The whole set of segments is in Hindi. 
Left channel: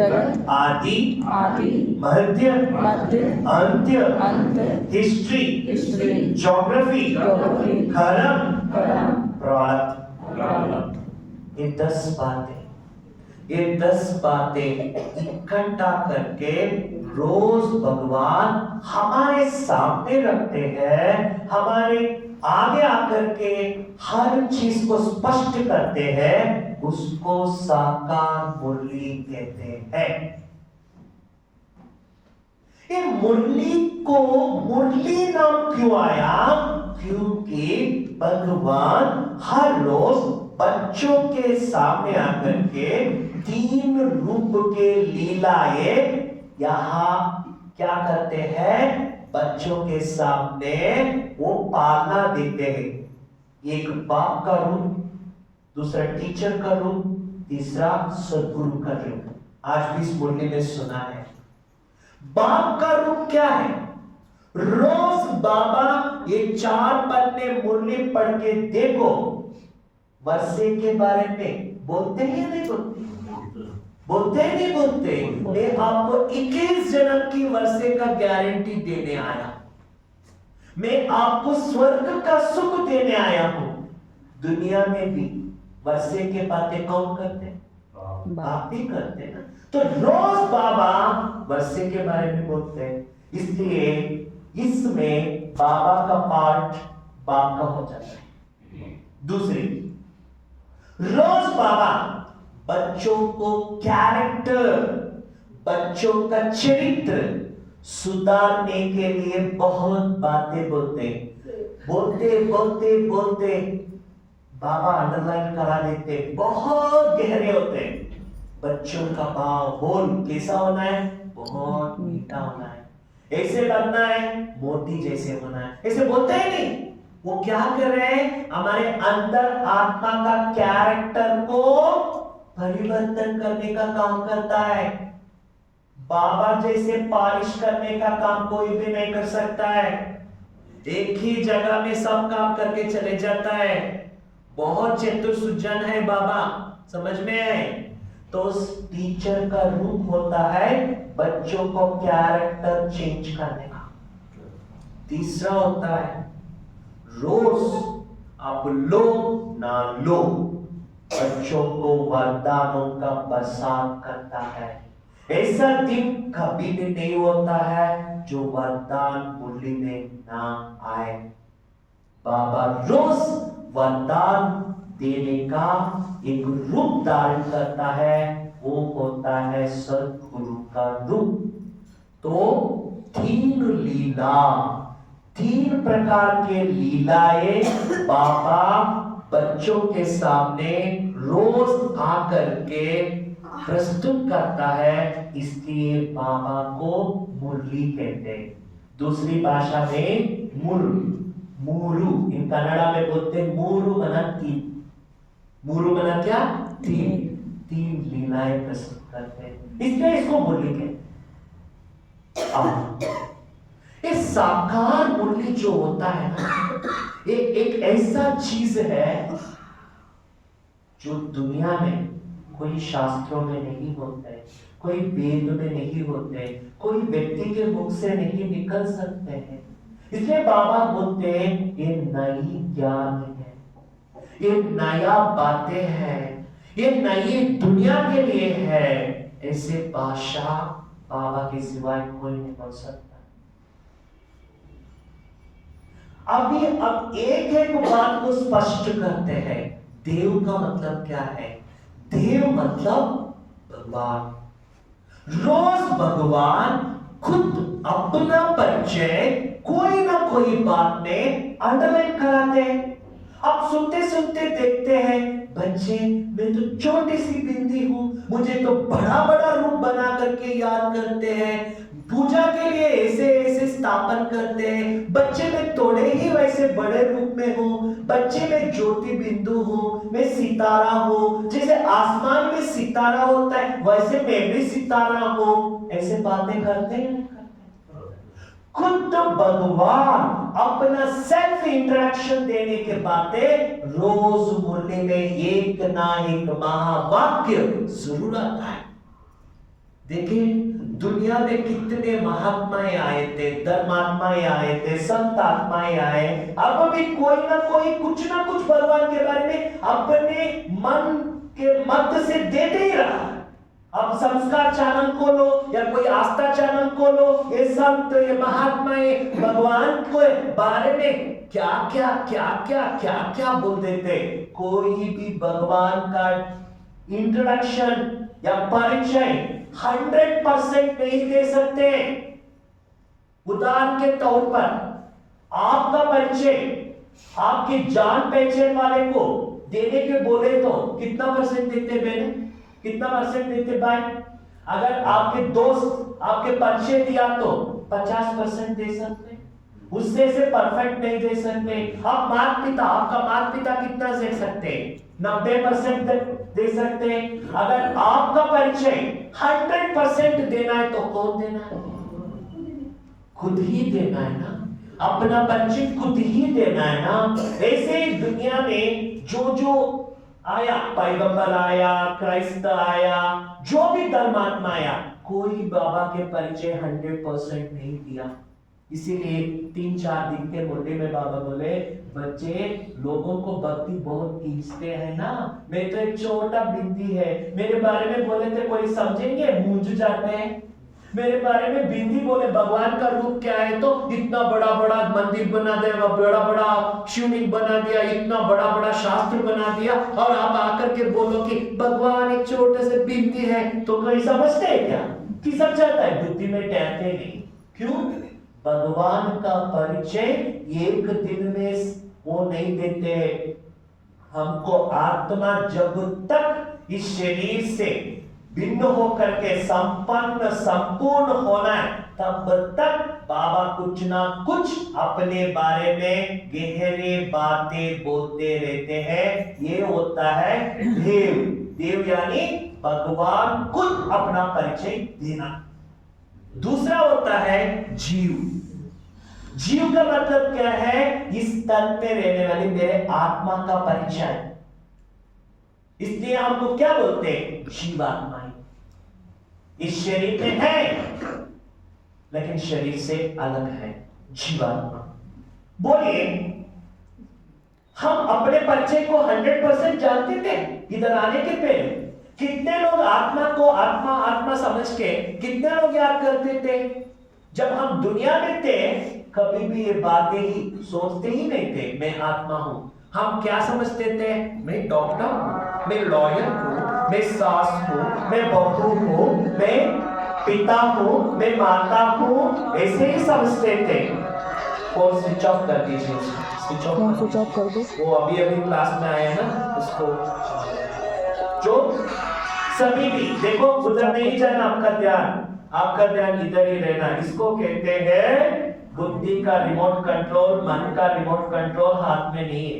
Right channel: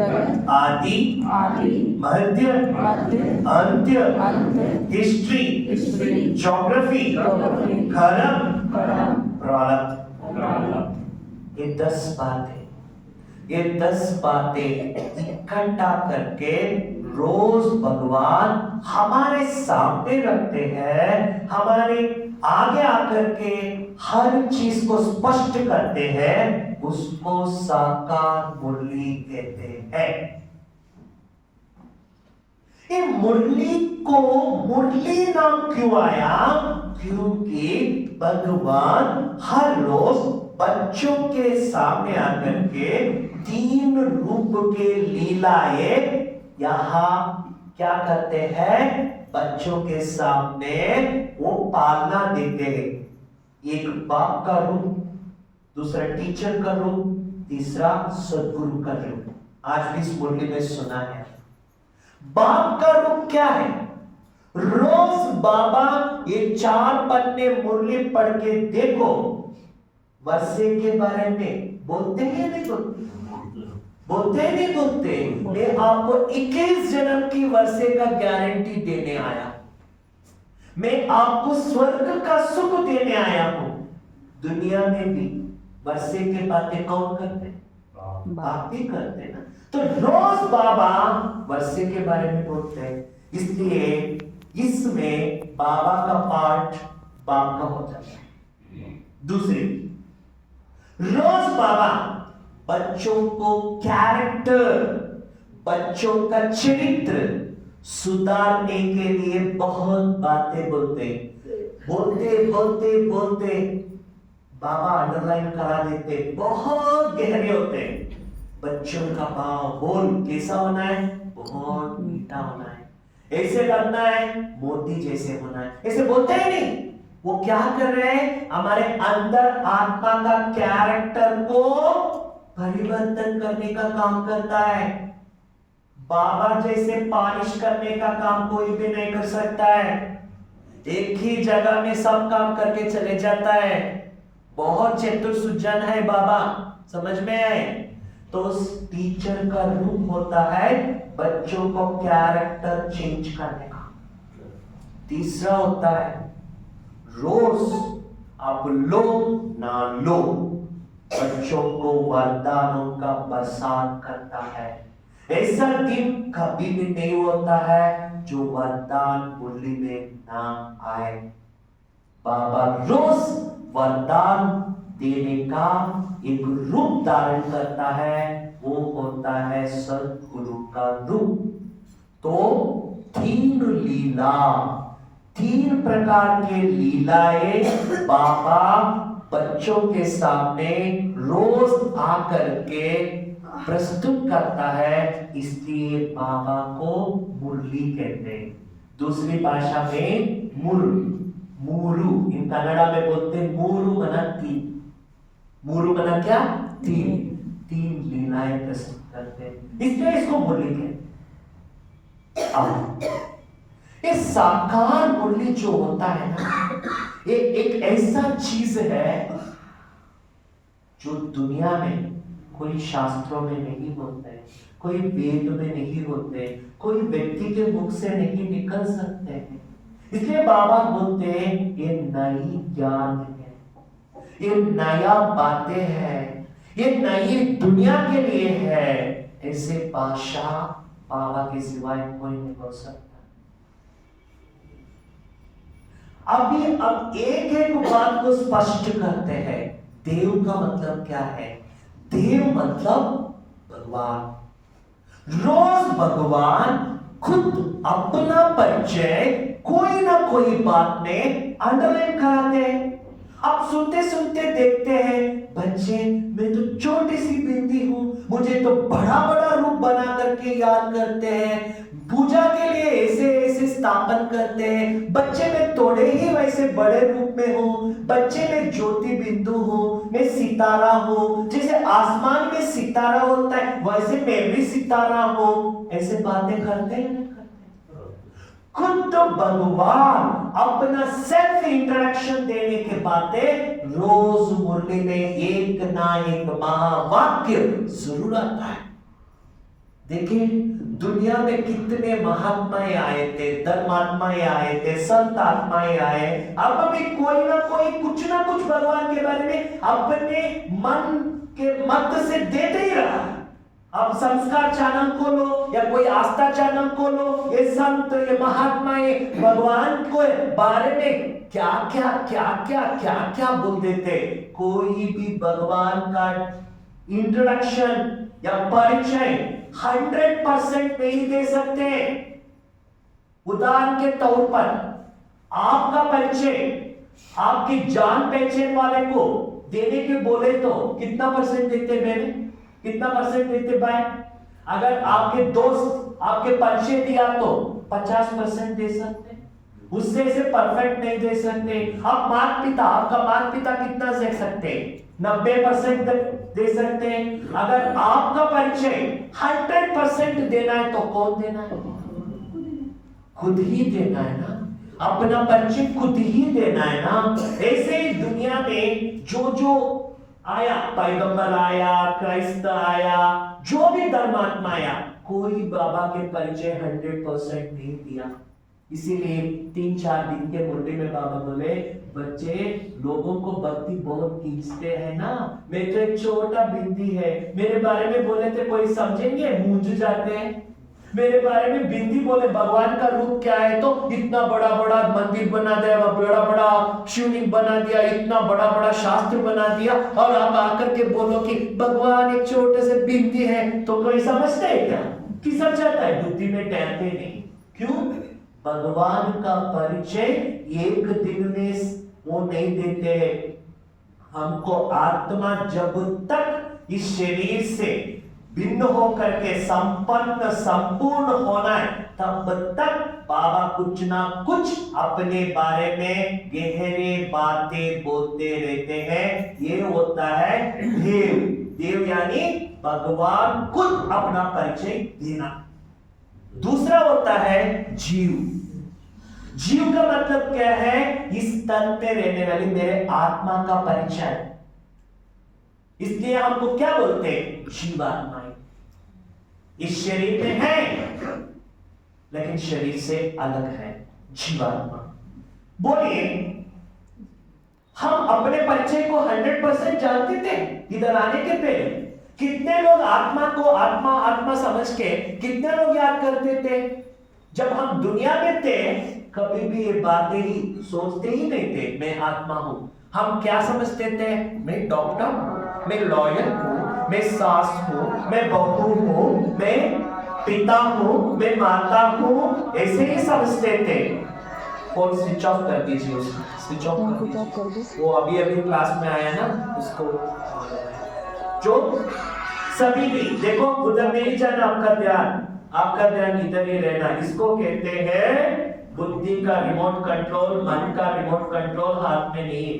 जगत आदि आदि मध्य मध्य अंत्य अंत हिस्ट्री हिस्ट्री ज्योग्राफी ज्योग्राफी कर्म कर्म प्रारब्ध। ये 10 बातें इकट्ठा करके रोज भगवान हमारे सामने रखते हैं, हमारे आगे आकर के हर चीज को स्पष्ट करते हैं, उसको साकार मुरली कहते हैं। ये मुरली को मुरली नाम क्यों आया? क्योंकि भगवान हर रोज बच्चों के सामने आकर के 3 रूप के लीलाएं यहां क्या करते हैं? बच्चों के सामने वो पालना देते हैं। एक बाप का रूप, दूसरा टीचर का रूप, तीसरा सदगुरु का रूप। आज भी इस मुरली में सुना है। बाप का रूप क्या है? रोज बाबा ये 4 पन्ने मुरली पढ़ के देखो, वर्षे के बारे में बोलते हैं नहीं बोलते? बोलते हैं नहीं बोलते? मैं आपको 21 जन्म की वर्षे का गारंटी देने आया, मैं आपको स्वर्ग का सुख देने आया हूं। दुनिया में भी वर्षे के बातें कौन करते? बाप ही करते ना। तो रोज बाबा वर्षे के बारे में बोलते हैं, इसलिए इसमें बाबा का पार्ट बाप का हो जाता है। दूसरी, रोज बाबा बच्चों को कैरेक्टर, बच्चों का चरित्र सुधारने के लिए बहुत बातें बोलते बोलते बाबा अंडरलाइन करा देते, बहुत गहरे होते हैं। बच्चों का भाव बोल कैसा होना है? बहुत मीठा होना है, ऐसे लगना है मोती जैसे होना है। ऐसे बोलते ही नहीं। वो क्या कर रहे हैं? हमारे अंदर आत्मा का कैरेक्टर को परिवर्तन करने का काम करता है। बाबा जैसे पॉलिश करने का काम कोई भी नहीं कर सकता है। एक ही जगह में सब काम करके चले जाता है। बहुत चतुर सुजन है बाबा, समझ में आए? तो उस टीचर का रूप होता है बच्चों को कैरेक्टर चेंज करने का। तीसरा होता है रोज आप लो ना लो, बच्चों को वरदानों का बरसात करता है। ऐसा दिन कभी भी नहीं होता है जो वरदान मुरली में ना आए। बाबा रोज वरदान देने का एक रूप धारण करता है, वो होता है सदगुरु का रूप। तो 3 लीला, 3 प्रकार के लीलाएं बाबा बच्चों के सामने रोज आकर के प्रस्तुत करता है, इसलिए बाबा को मुरली कहते हैं। दूसरी भाषा में मूरु, इन कन्नड़ा में बोलते हैं मूरु बना 3। मूरु बना क्या? 3 लीलाएं प्रस्तुत करते हैं, इसलिए इसको मुरली कहते हैं। ये साकार मुरली जो होता है ना, ये एक ऐसा चीज है जो दुनिया में कोई शास्त्रों में नहीं होता है, कोई वेद में नहीं होते, कोई व्यक्ति के मुख से नहीं निकल सकते हैं। इसलिए बाबा बोलते हैं ये नई ज्ञान है, ये नया बातें हैं, ये नई दुनिया के लिए है। ऐसे भाषा बाबा के सिवाय कोई नहीं बोल सकता। अभी अब एक बात को स्पष्ट करते हैं, देव का मतलब क्या है? देव मतलब भगवान। रोज भगवान खुद अपना परिचय कोई ना कोई बात में अंडरलाइन कराते हैं। अब सुनते सुनते देखते हैं बच्चे, मैं तो छोटी सी बिंदी हूं, मुझे तो बड़ा बड़ा रूप बना करके याद करते हैं, पूजा के लिए ऐसे ऐसे स्थापन करते हैं। बच्चे मैं थोड़े ही वैसे बड़े रूप में हूँ, बच्चे मैं ज्योति बिंदु हूँ, मैं सितारा हूँ, जैसे आसमान में सितारा होता है वैसे मैं भी सितारा हूँ। ऐसे बातें करते हैं। खुद भगवान अपना सेल्फ इंट्रोडक्शन देने के बातें रोज मुरली में एक ना एक महावाक्य जरूर आता है। देखिए दुनिया में कितने महात्माएं आए थे, धर्मात्माएं आए थे, संत आत्माएं आए, अब भी कोई ना कुछ भगवान के बारे में अपने मन के मत से देते ही रहा। अब संस्कार चैनल खोलो या कोई आस्था चैनल खोलो, ये संत ये महात्माएं भगवान को बारे में क्या बोल देते। कोई भी भगवान का इंट्रोडक्शन या परिचय 100% नहीं दे सकते। उदाहरण के तौर पर आपका परिचय आपकी जान पहचान वाले को देने के बोले तो कितना परसेंट देते बहन, कितना परसेंट देते भाई? अगर आपके दोस्त आपके परिचय दिया तो 50% दे सकते, उससे से परफेक्ट नहीं दे सकते। आप माता पिता, आपका माता पिता कितना दे सकते? 90% दे सकते। अगर आपका परिचय 100% देना है तो कौन देना है? खुद ही देना है ना, अपना परिचय खुद ही देना है ना। ऐसे ही दुनिया में जो आया, पैगंबर आया, क्राइस्ट आया, जो भी धर्मात्मा आया, कोई बाबा के परिचय 100% नहीं दिया। इसीलिए 3-4 दिन के मुरली में बाबा बोले, बच्चे लोगों को भक्ति बहुत खींचते हैं ना, मैं तो एक छोटा बिंदी है, मेरे बारे में बोले तो कोई समझेंगे, मूंझ जाते हैं। मेरे बारे में बिंदी बोले भगवान का रूप क्या है, तो इतना बड़ा बड़ा मंदिर बना दिया, बड़ा बड़ा शिवलिंग बना दिया, इतना बड़ा बड़ा शास्त्र बना दिया, और आप आकर के बोलो कि भगवान एक छोटे से बिंदी है, तो कोई समझते है क्या? कि सब जाता है, बुद्धि में टहलते नहीं। क्यों? भगवान का परिचय एक दिन में वो नहीं देते। हमको आत्मा जब तक इस शरीर से भिन्न होकर के संपूर्ण होना है, तब तक बाबा कुछ ना कुछ अपने बारे में गहरे बातें बोलते रहते हैं। ये होता है देव यानी भगवान खुद अपना परिचय देना। दूसरा होता है जीव। जीव का मतलब क्या है? इस तन में रहने वाली मेरे आत्मा का परिचय। इसलिए हमको क्या बोलते हैं? जीवात्माएं। इस शरीर में है लेकिन शरीर से अलग है, जीवात्मा। बोलिए, हम अपने परिचय को 100% जानते थे इधर आने के पहले? कितने लोग आत्मा को आत्मा समझ के कितने लोग याद करते थे? जब हम दुनिया में थे कभी भी ये बातें ही सोचते ही नहीं थे मैं आत्मा हूं। हम क्या समझते थे? मैं डॉक्टर हूं, मैं लॉयर हूं, मैं सास हूं, मैं बहू हूं, मैं पिता हूं, मैं माता हूं, ऐसे ही समझते थे। फोन स्विच ऑफ कर दीजिए, स्विच ऑफ कर दो। वो अभी क्लास में आया ना, उसको जो सभी भी देखो उधर नहीं जाना, आपका ध्यान इधर ही रहना। इसको कहते हैं बुद्धि का रिमोट कंट्रोल, मन का रिमोट कंट्रोल हाथ में नहीं है।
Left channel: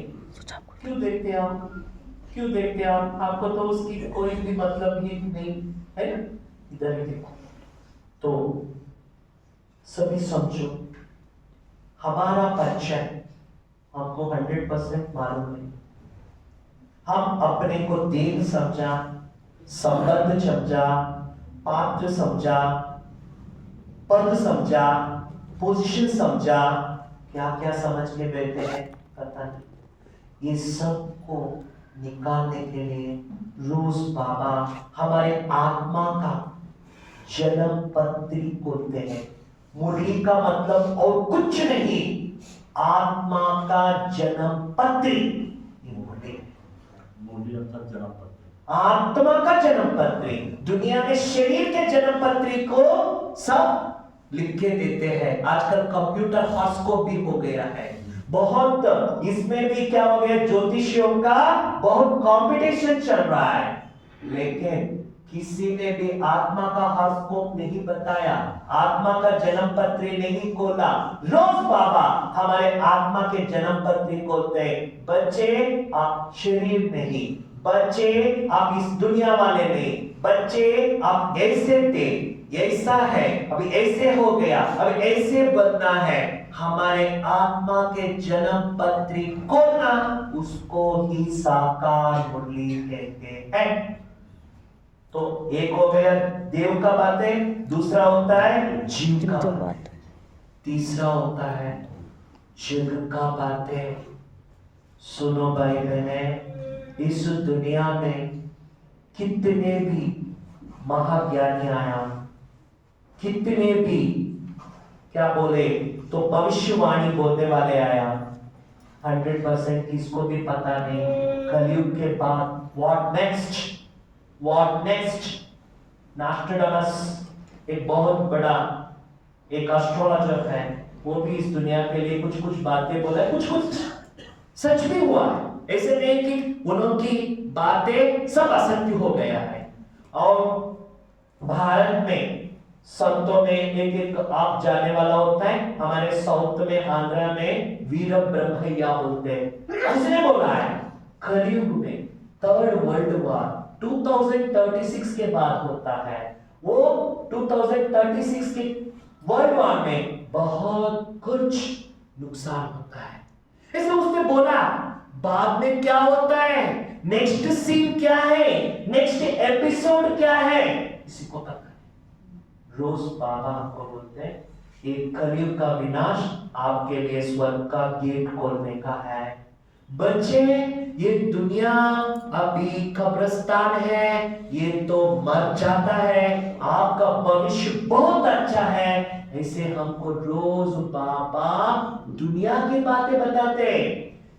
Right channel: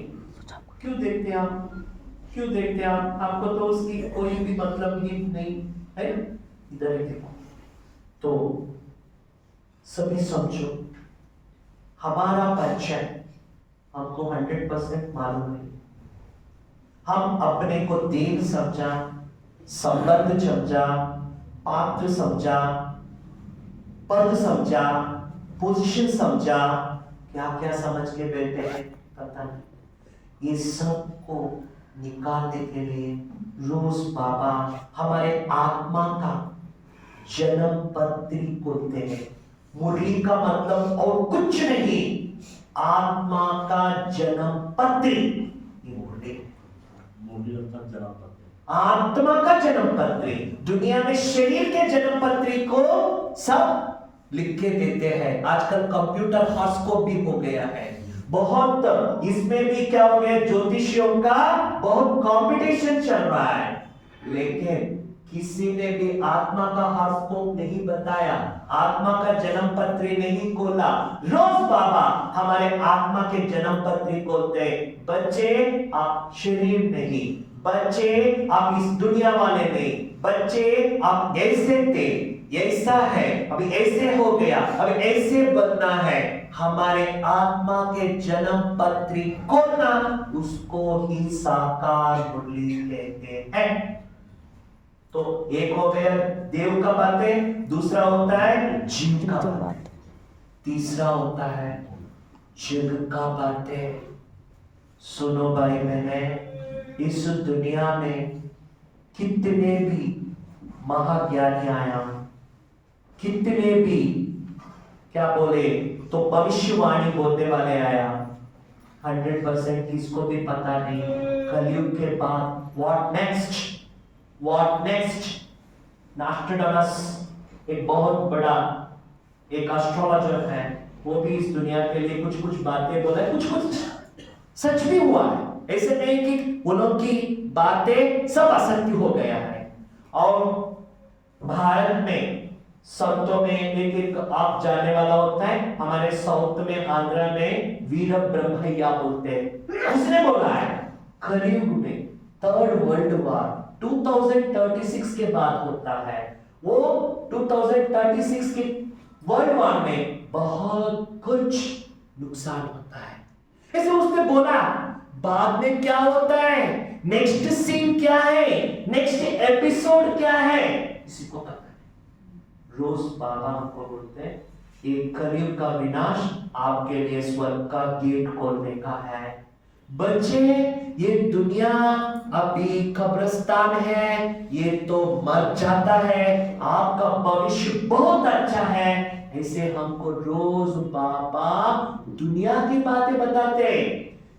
क्यों देखते आप? आपको तो उसकी कोई भी मतलब ही नहीं है, इधर ही देखो। तो सभी समझो, हमारा परिचय हमको 100% मालूम नहीं। हम अपने को देव समझा, संबंध समझा, पात्र समझा, पद समझा, पोजीशन समझा, क्या समझ के बैठे हैं पता नहीं। ये सब को निकालने के लिए रोज बाबा हमारे आत्मा का जन्म पत्री खोलते हैं। मुरली का मतलब और कुछ नहीं, आत्मा का जन्म पत्री। ये मुरली आत्मा का जन्म पत्री। दुनिया में शरीर के जन्म पत्री को सब लिख के देते हैं। आजकल कंप्यूटर हॉरोस्कोप भी हो गया है बहुत। इसमें भी क्या हो गया, ज्योतिषियों का बहुत कंपटीशन चल रहा है, लेकिन किसी ने भी आत्मा का हॉरोस्कोप नहीं बताया, आत्मा का जन्म पत्री नहीं खोला। रोज बाबा हमारे आत्मा के जन्म पत्री खोलते हैं। बच्चे आप शरीर नहीं, बच्चे आप इस दुनिया वाले नहीं, बच्चे आप ऐसे थे, ऐसा है, अभी ऐसे हो गया, अभी ऐसे बनना है। हमारे आत्मा के जन्म पत्री खोलना, उसको ही साकार मुरली कहते हैं। तो एक हो गया देव का बातें, दूसरा होता है जीव का बातें, तीसरा होता है जग का बातें। सुनो भाई बहने, इस दुनिया में कितने भी महाज्ञानी आया, कितने भी क्या बोले तो भविष्यवाणी बोलने वाले आया, 100% किसको भी पता नहीं कलयुग के बाद व्हाट नेक्स्ट। नास्ट्राडामस एक बहुत बड़ा एक एस्ट्रोलॉजर है, वो भी इस दुनिया के लिए कुछ कुछ बातें बोला है, कुछ सच भी हुआ है। ऐसे नहीं कि उनकी बातें सब असत्य हो गया है। और भारत में संतों में एक आप जानने वाला होता है, हमारे साउथ में आंध्र में वीर ब्रह्मैया बोलते हैं, उसने बोला है कलयुग में थर्ड वर्ल्ड वॉर 2036 के बाद होता है। वो 2036 के वर्ल्ड वॉर में बहुत कुछ नुकसान होता है। ऐसे उसने बोला बाद में क्या होता है, नेक्स्ट सीन क्या है, नेक्स्ट एपिसोड क्या है, किसी को पता नहीं। रोज बाबा हमको बोलते हैं एक कलयुग का विनाश आपके लिए स्वर्ग का गेट खोलने का है। बच्चे ये दुनिया अभी कब्रिस्तान है, ये तो मर जाता है, आपका भविष्य बहुत अच्छा है। ऐसे हमको रोज बाबा दुनिया की बातें बताते।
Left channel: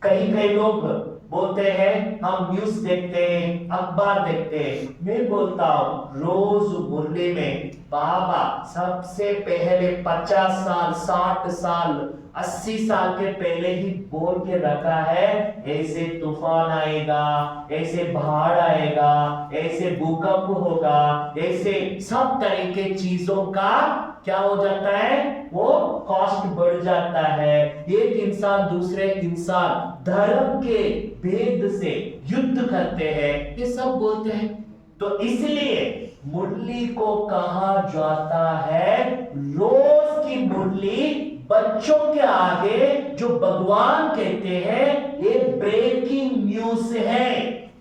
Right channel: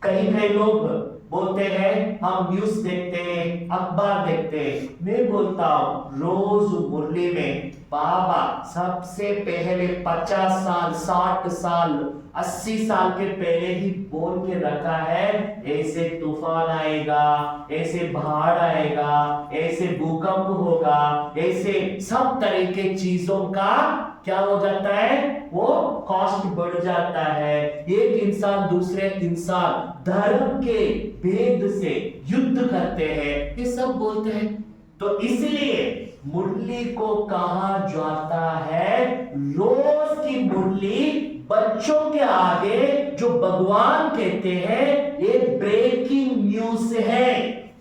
कई लोग बोलते हैं हम न्यूज देखते हैं, अखबार देखते हैं। मैं बोलता हूं रोज मुरली में बाबा सबसे पहले 50 साल 60 साल 80 साल के पहले ही बोल के रखा है, ऐसे तूफान आएगा, ऐसे बाढ़ आएगा, ऐसे भूकंप होगा, ऐसे सब तरह के चीजों का क्या हो जाता है, वो कॉस्ट बढ़ जाता है। एक इंसान दूसरे इंसान धर्म के भेद से युद्ध करते हैं, ये सब बोलते हैं। तो इसलिए मुरली को कहा जाता है रोज की मुरली बच्चों के आगे जो भगवान कहते हैं ये ब्रेकिंग न्यूज है।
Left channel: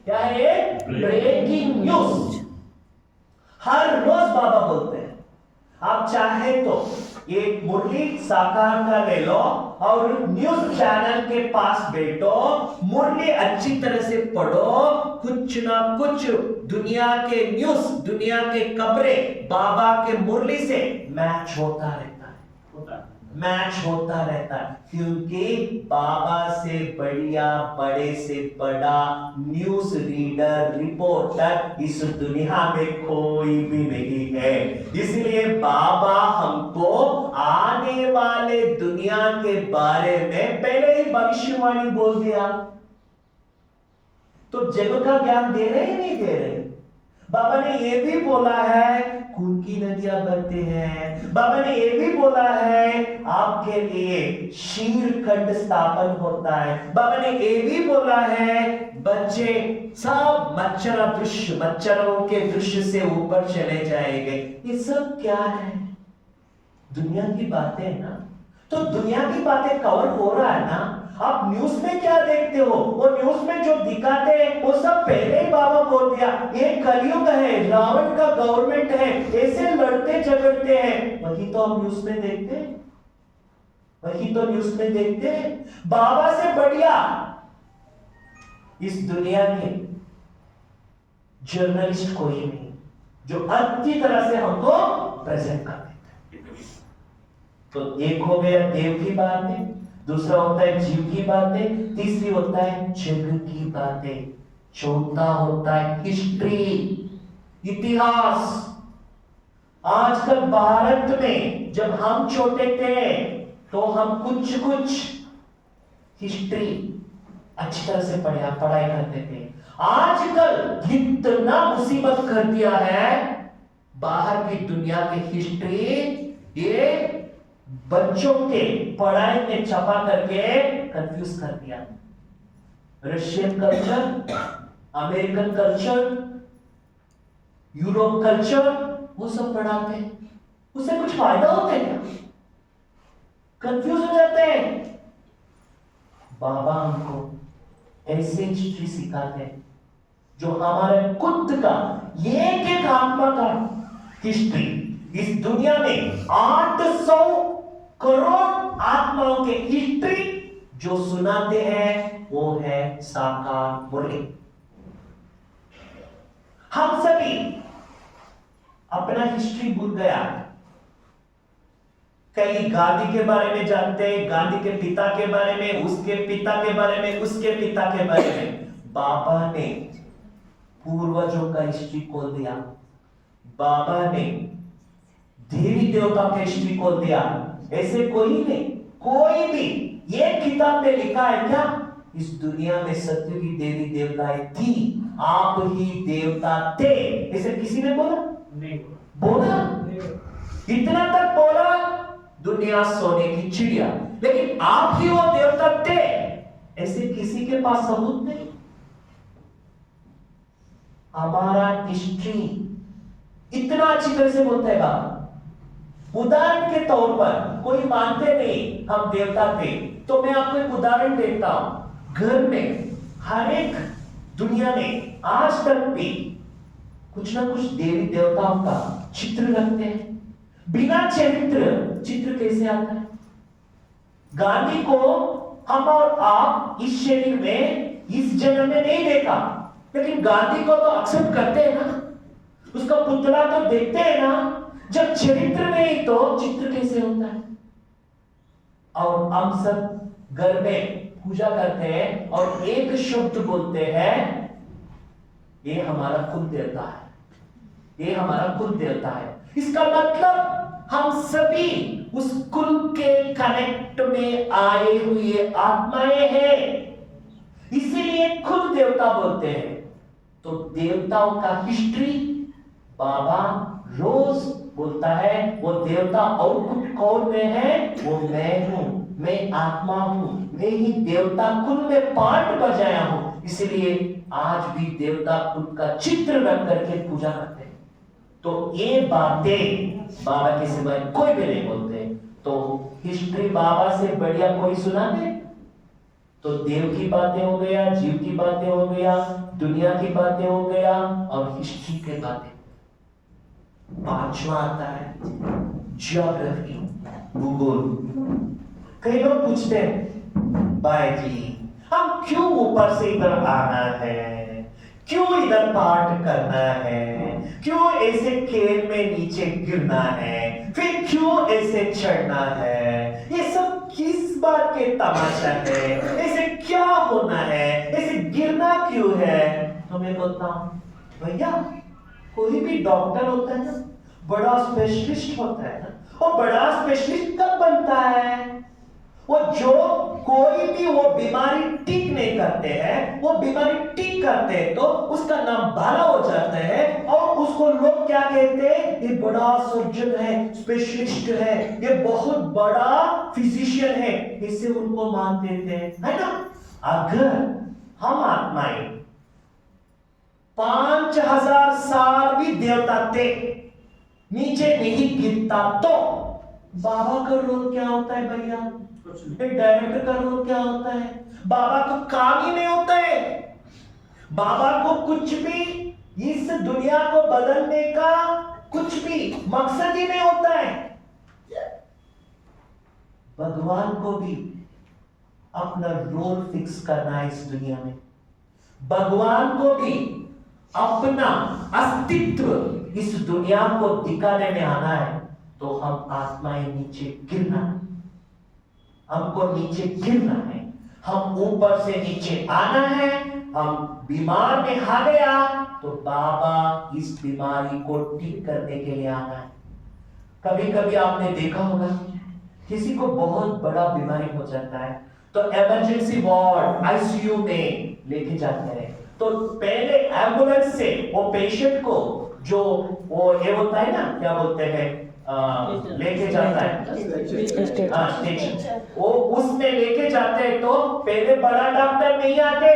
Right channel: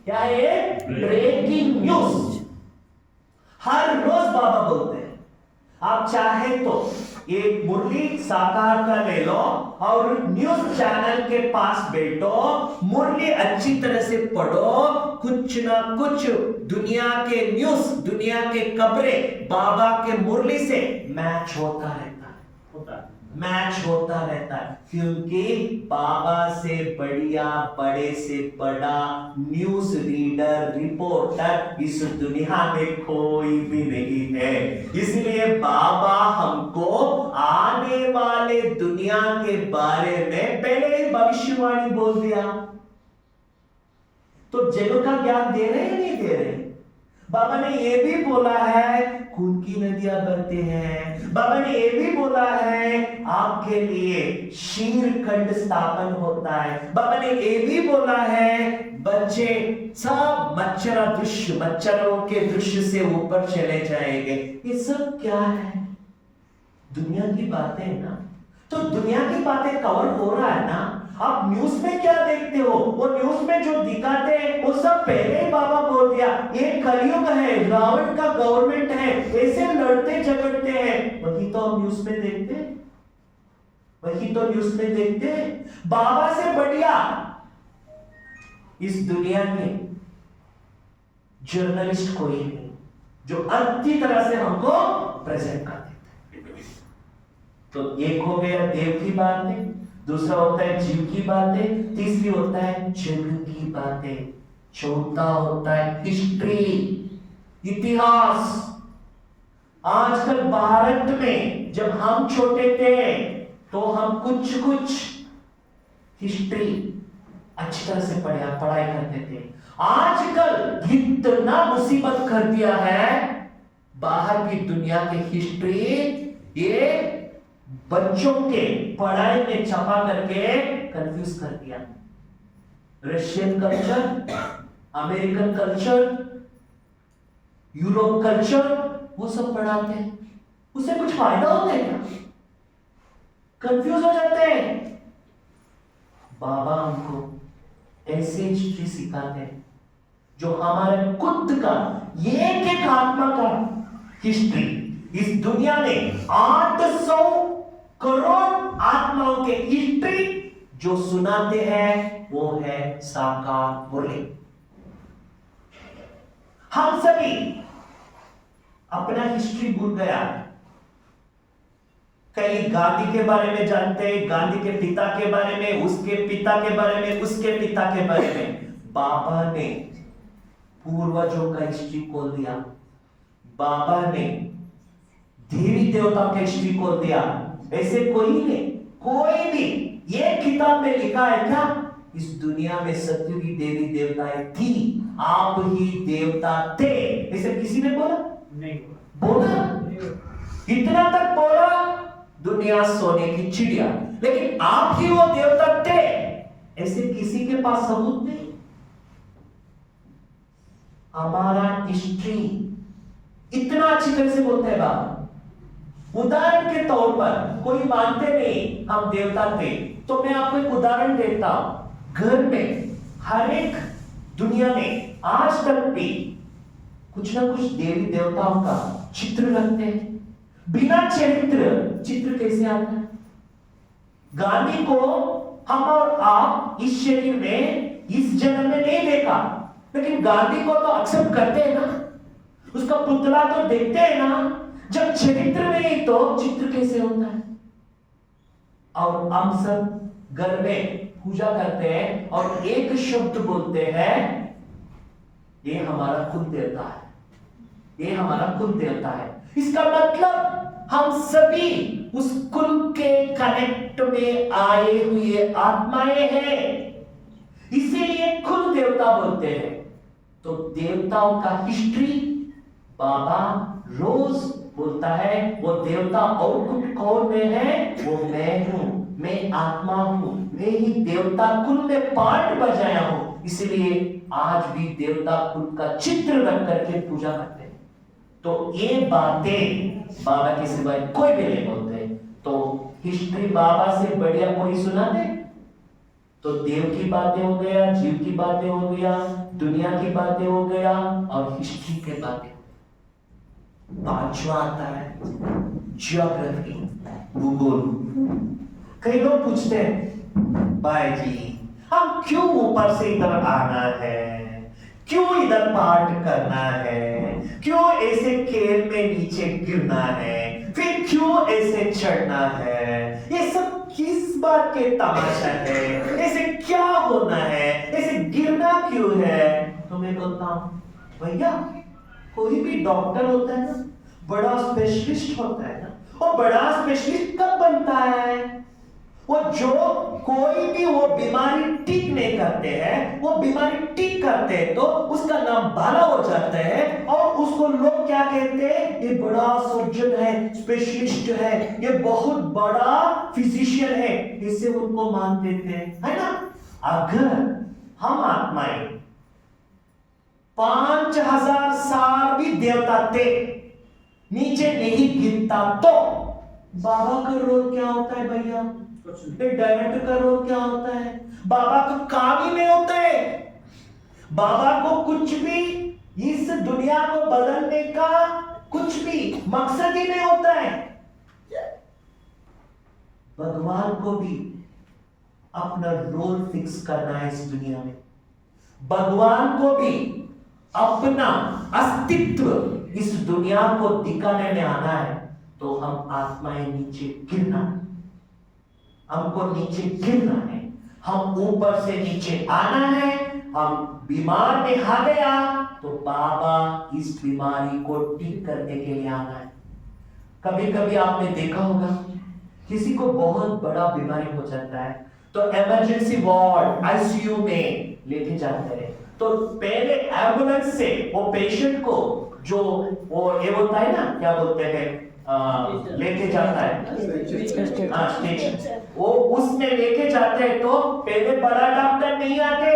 क्या है? Breaking news. हर रोज बाबा बोलते हैं। आप चाहे तो एक मुरली साकार का ले लो और न्यूज चैनल के पास बैठो, मुरली अच्छी तरह से पढ़ो, कुछ ना कुछ दुनिया के न्यूज, दुनिया के खबरें बाबा के मुरली से मैच होता रहता है, मैच होता रहता है। क्योंकि बाबा से बढ़िया, बड़े से बड़ा न्यूज रीडर, रिपोर्टर इस दुनिया में कोई भी नहीं है। इसलिए बाबा हमको आने वाले दुनिया के बारे में पहले ही भविष्यवाणी बोल दिया। तो जगत का ज्ञान दे रहे हैं नहीं दे रहे? बाबा ने ये भी बोला है खून की नदियां बहती हैं। बाबा ने ये भी बोला है आपके लिए शीर खंड स्थापन होता है। बाबा ने ये भी बोला है बच्चे सब मच्छरों के दृश्य से ऊपर चले जाएंगे। ये सब क्या है? दुनिया की बातें ना। तो दुनिया की बातें कवर हो रहा है ना। आप न्यूज में क्या देखते हो, वो न्यूज में जो दिखाते हैं वो सब पहले ही बाबा बोल दिया। ये कलयुग है, रावण का गवर्नमेंट है, ऐसे लड़ते झगड़ते हैं, वही तो हम न्यूज में देखते हैं, वही तो न्यूज में देखते हैं। बाबा से बढ़िया इस दुनिया के जर्नलिस्ट कोई नहीं जो अच्छी तरह से हमको प्रेजेंट कर देता है। तो एक हो गया देव की बातें, दूसरा होता है जीव की बातें, तीसरी होता है जग की बातें, चौथा होता है हिस्ट्री, इतिहास। आजकल भारत में जब हम छोटे थे तो हम कुछ हिस्ट्री अच्छी तरह से पढ़ाई करते थे। आजकल इतना मुसीबत कर दिया है, बाहर की दुनिया की हिस्ट्री ये बच्चों के पढ़ाई में छपा करके कंफ्यूज कर दिया। Russian culture, American culture, Europe culture, वो सब पढ़ाते हैं। उससे कुछ फायदा होता है क्या? कंफ्यूज हो जाते हैं। बाबा हमको ऐसे हिस्ट्री सिखाते हैं जो हमारे खुद का एक एक आत्मा का हिस्ट्री इस दुनिया में 800 करोड़ आत्माओं के हिस्ट्री जो सुनाते हैं वो है साकार मुरली। हम सभी अपना हिस्ट्री भूल गया। कई गांधी के बारे में जानते हैं, गांधी के पिता के बारे में, उसके पिता के बारे में, उसके पिता के बारे में। बाबा ने पूर्वजों का हिस्ट्री खोल दिया, बाबा ने देवी देवता का हिस्ट्री खोल दिया। ऐसे कोई नहीं, कोई भी ये किताब में लिखा है क्या इस दुनिया में सत्य की देवी देवताएं थी, आप ही देवता थे, ऐसे किसी ने बोला नहीं? बोला इतना तक बोला दुनिया सोने की चिड़िया, लेकिन आप ही वो देवता थे ऐसे किसी के पास सबूत नहीं। हमारा हिस्ट्री इतना अच्छी तरह से बोलता है बाबा। उदाहरण के तौर पर कोई मानते नहीं हम देवता थे, तो मैं आपको एक उदाहरण देता हूं। घर में हर एक दुनिया में आज तक भी कुछ ना कुछ देवी देवताओं का चित्र रखते हैं। बिना चित्र कैसे आता है? गांधी को हम और आप इस शरीर में इस जन्म में नहीं देखा, लेकिन गांधी को तो एक्सेप्ट करते हैं ना, उसका पुतला तो देखते हैं ना। जब चरित्र नहीं तो चित्र कैसे होता है? और हम सब घर में पूजा करते हैं और एक शब्द बोलते हैं, ये हमारा कुल देवता है, ये हमारा कुल देवता है। इसका मतलब हम सभी उस कुल के कनेक्ट में आए हुए आत्माएं हैं, इसीलिए कुल देवता बोलते हैं। तो देवताओं का हिस्ट्री बाबा रोज बोलता है। वो देवता और कुछ कौन में है? वो मैं हूं, मैं आत्मा हूं, मैं ही देवता कुल में पार्ट बजाया हूं। इसलिए आज भी देवता कुल का चित्र रख करके पूजा करते हैं। तो ये बातें बाबा के सिवाय कोई भी नहीं बोलते। तो हिस्ट्री बाबा से बढ़िया कोई सुना दे? तो देव की बातें हो गया, जीव की बातें हो गया, दुनिया की बातें हो गया और हिस्ट्री के बातें। पांचवा आता है ज्योग्राफी, भूगोल। कई लोग पूछते हैं भाई जी हम क्यों ऊपर से इधर आना है, क्यों इधर पार्ट करना है, क्यों ऐसे खेल में नीचे गिरना है, फिर क्यों ऐसे चढ़ना है, ये सब किस बात के तमाशा है, ऐसे क्या होना है, ऐसे गिरना क्यों है? तो मैं बोलता हूं भैया कोई भी डॉक्टर होता है ना, बड़ा स्पेशलिस्ट होता है ना, वो बड़ा स्पेशलिस्ट कब बनता है? वो जो कोई भी वो बीमारी ठीक नहीं करते हैं, वो बीमारी ठीक करते हैं तो उसका नाम भला हो जाता है और उसको लोग क्या कहते हैं? ये बड़ा सर्जन है, स्पेशलिस्ट है, ये बहुत बड़ा फिजिशियन है, इससे उनको मान देते हैं, है ना? अगर हम आत्माएं 5000 साल भी देवता थे, नीचे नहीं गिरता तो बाबा का रोल क्या होता है भैया? डायरेक्टर का रोल क्या होता है? बाबा को काम ही नहीं होता है, बाबा को कुछ भी इस दुनिया को बदलने का कुछ भी मकसद ही नहीं होता है। भगवान को भी अपना रोल फिक्स करना है इस दुनिया में, भगवान को भी अपना अस्तित्व इस दुनिया को दिखाने में आना है। तो हम आत्माएं नीचे गिरना, हमको नीचे गिरना है, हम ऊपर से नीचे आना है। हम बीमार में आ गया तो बाबा इस बीमारी को ठीक करने के लिए आना है। कभी कभी आपने देखा होगा किसी को बहुत बड़ा बीमारी हो जाता है तो इमरजेंसी वार्ड आईसीयू में लेके जाते हैं। तो पहले एम्बुलेंस से वो पेशेंट को जो वो ये होता है ना, क्या बोलते हैं, लेके जाता है स्टेशन, वो उसमें लेके जाते हैं। तो पहले बड़ा डॉक्टर नहीं आते,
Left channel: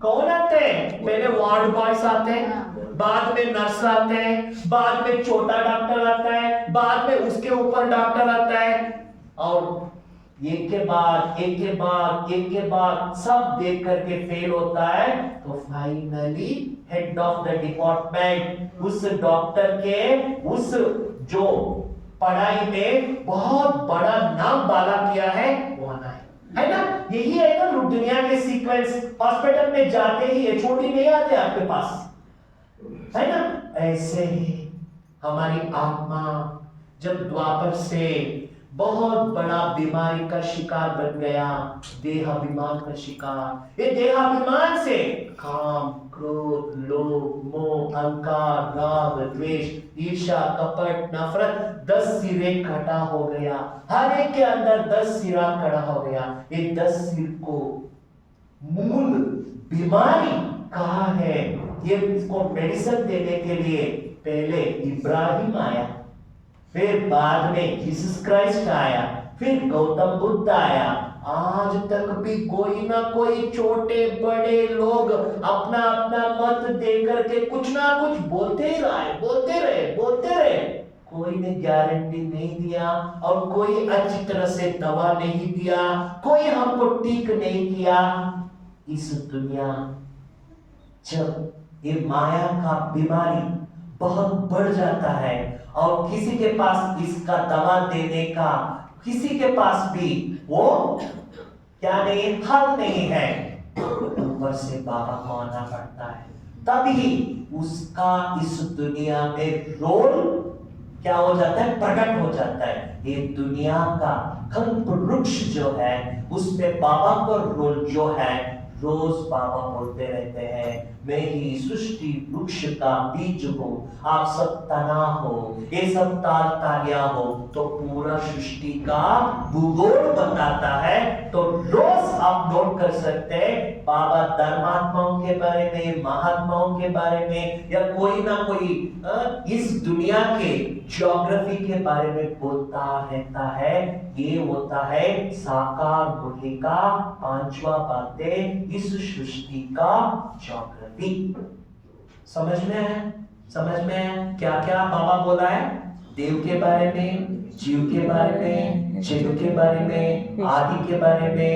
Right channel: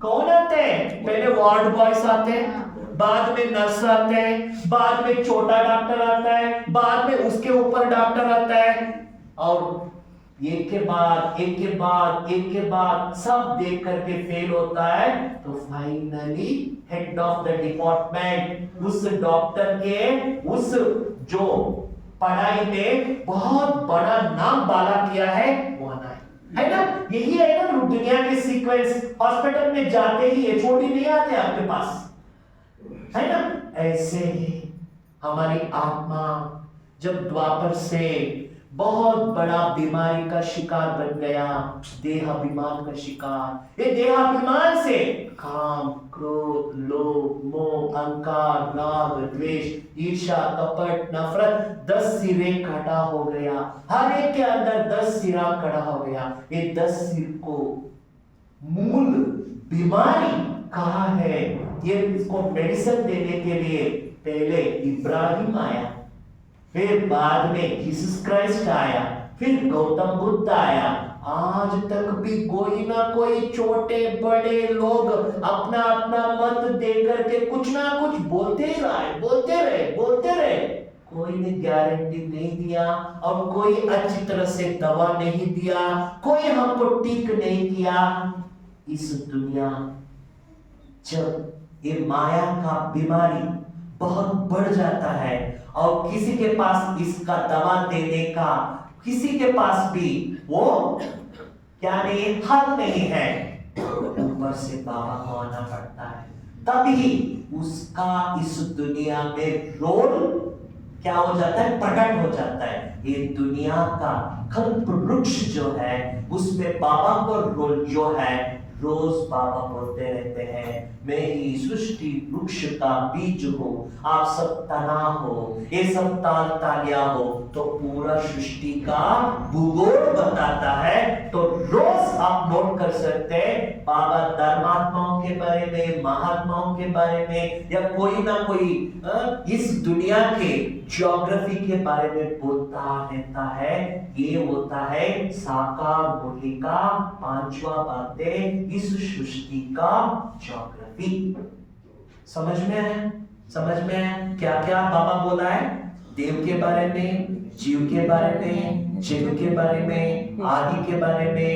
कौन आते हैं? पहले वार्ड बॉयज आते हैं, बाद में नर्स आते हैं, बाद में छोटा डॉक्टर आता है, बाद में उसके ऊपर डॉक्टर आता है। और एक के बाद एक के बाद एक के बाद सब देख करके फेल होता है, तो finally head of the department, उस डॉक्टर के उस जो पढ़ाई में बहुत बड़ा नाम बाला किया है वो आना है ना। यही है ना दुनिया के सीक्वेंस। हॉस्पिटल में जाते ही एचओडी नहीं आते आपके पास, है ना। ऐसे ही हमारी आत्मा जब द्वापर से बहुत बड़ा बीमारी का शिकार बन गया, देहाभिमान का शिकार, ये देहाभिमान से काम, क्रोध, लोभ, मोह, अहंकार, राग, द्वेष, ईर्ष्या, कपट, नफरत 10 सिरे खड़ा हो गया। हर एक के अंदर 10 सिरा खड़ा हो गया। ये 10 सिर को मूल बीमारी कहा है। ये इसको मेडिसिन देने के लिए पहले इब्राहिम आया, फिर बाद में जीसस क्राइस्ट आया, फिर गौतम बुद्ध आया। आज तक भी कोई ना कोई छोटे बड़े लोग अपना अपना मत देकर के कुछ ना कुछ बोलते ही रहे। कोई ने गारंटी नहीं दिया और कोई अच्छी तरह से दवा नहीं दिया, कोई हमको ठीक नहीं किया। इस दुनिया जब ये माया का बीमारी बहुत बढ़ जाता है और किसी के पास इसका दवा देने का किसी के पास भी वो क्या नहीं, हल नहीं है, ऊपर से बाबा को आना पड़ता है। तभी उसका इस दुनिया में रोल क्या हो जाता है, प्रकट हो जाता है। ये दुनिया का कल्प वृक्ष जो है उसमें बाबा को रोल जो है, रोज बाबा बोलते रहते हैं, मैं ही सृष्टि वृक्ष का बीज हूं, आप सब तना हो, ये सब ताल तालियां हो, तो पूरा सृष्टि का भूगोल बताता है। तो रोज आप नोट कर सकते हैं बाबा धर्मात्माओं के बारे में, महात्माओं के बारे में, या कोई ना कोई इस दुनिया के ज्योग्राफी के बारे में बोलता रहता है। ये होता है साकार मुरली का 5वां बातें, इस सृष्टि का ज्योग्राफी। समझ में आया क्या क्या बाबा बोला है, देव के बारे में, जीव के बारे में, शिव के बारे में, आदि के बारे में,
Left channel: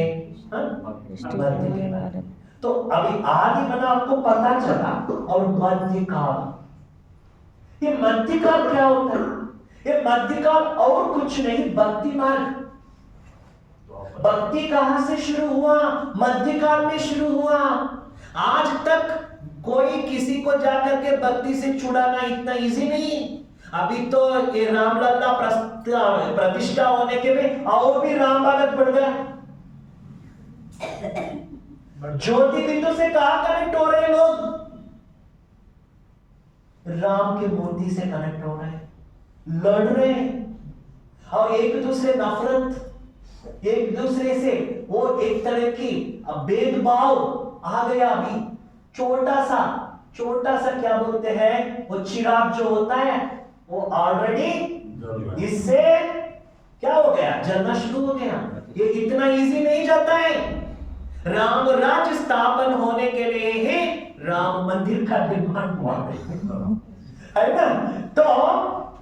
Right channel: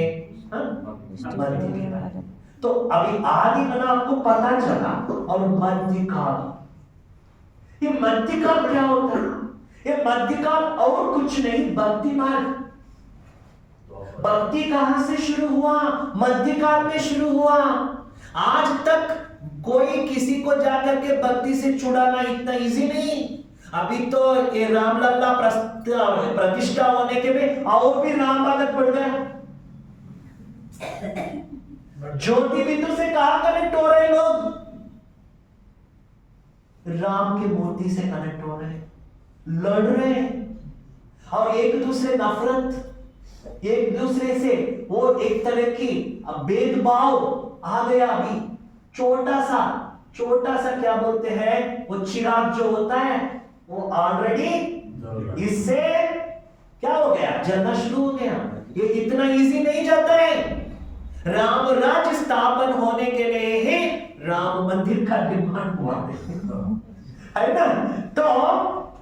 मध्य के बारे में। तो अभी आदि बना आपको पता चला, और मध्य काल, ये मध्य काल क्या होता है? ये मध्य काल और कुछ नहीं, भक्ति मार्ग। भक्ति कहां से शुरू हुआ? मध्य काल में शुरू हुआ। आज तक कोई किसी को जाकर के भक्ति से छुड़ाना इतना इजी नहीं। अभी तो ये रामलला प्रतिष्ठा होने के भी और भी राम बालक बढ़ गया। ज्योति बिंदु से कहां कनेक्ट हो रहे लोग? राम के मूर्ति से कनेक्ट हो रहे हैं, लड़ रहे हैं, और एक दूसरे नफरत, एक दूसरे से वो एक तरह की भेदभाव आ गया। अभी छोटा सा क्या बोलते हैं, वो चिराग जो होता है वो ऑलरेडी इससे क्या हो गया, जलना शुरू हो गया। ये इतना इजी नहीं जाता है। राम राज्य स्थापन होने के लिए ही राम मंदिर का निर्माण हुआ है ना। तो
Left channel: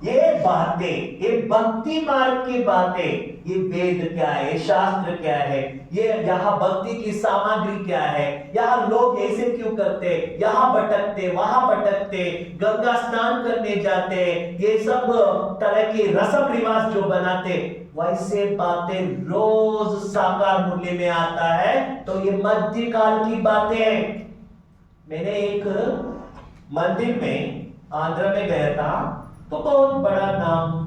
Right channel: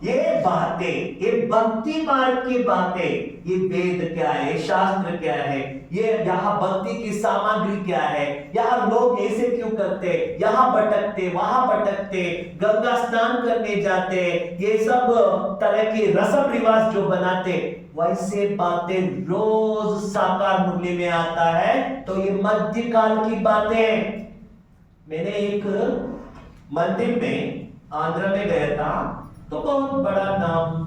ये बातें, ये भक्ति मार्ग की बातें, ये वेद क्या है, शास्त्र क्या है, ये यहाँ भक्ति की सामग्री क्या है, यहाँ लोग ऐसे क्यों करते, यहाँ भटकते, वहां भटकते, गंगा स्नान करने जाते, ये सब तरह के रस्म रिवाज जो बनाते, वैसे बातें रोज साकार मुरली में आता है। तो ये मध्यकाल की बातें हैं। मैंने एक मंदिर में आंध्र में गया था, तो बहुत बड़ा नाम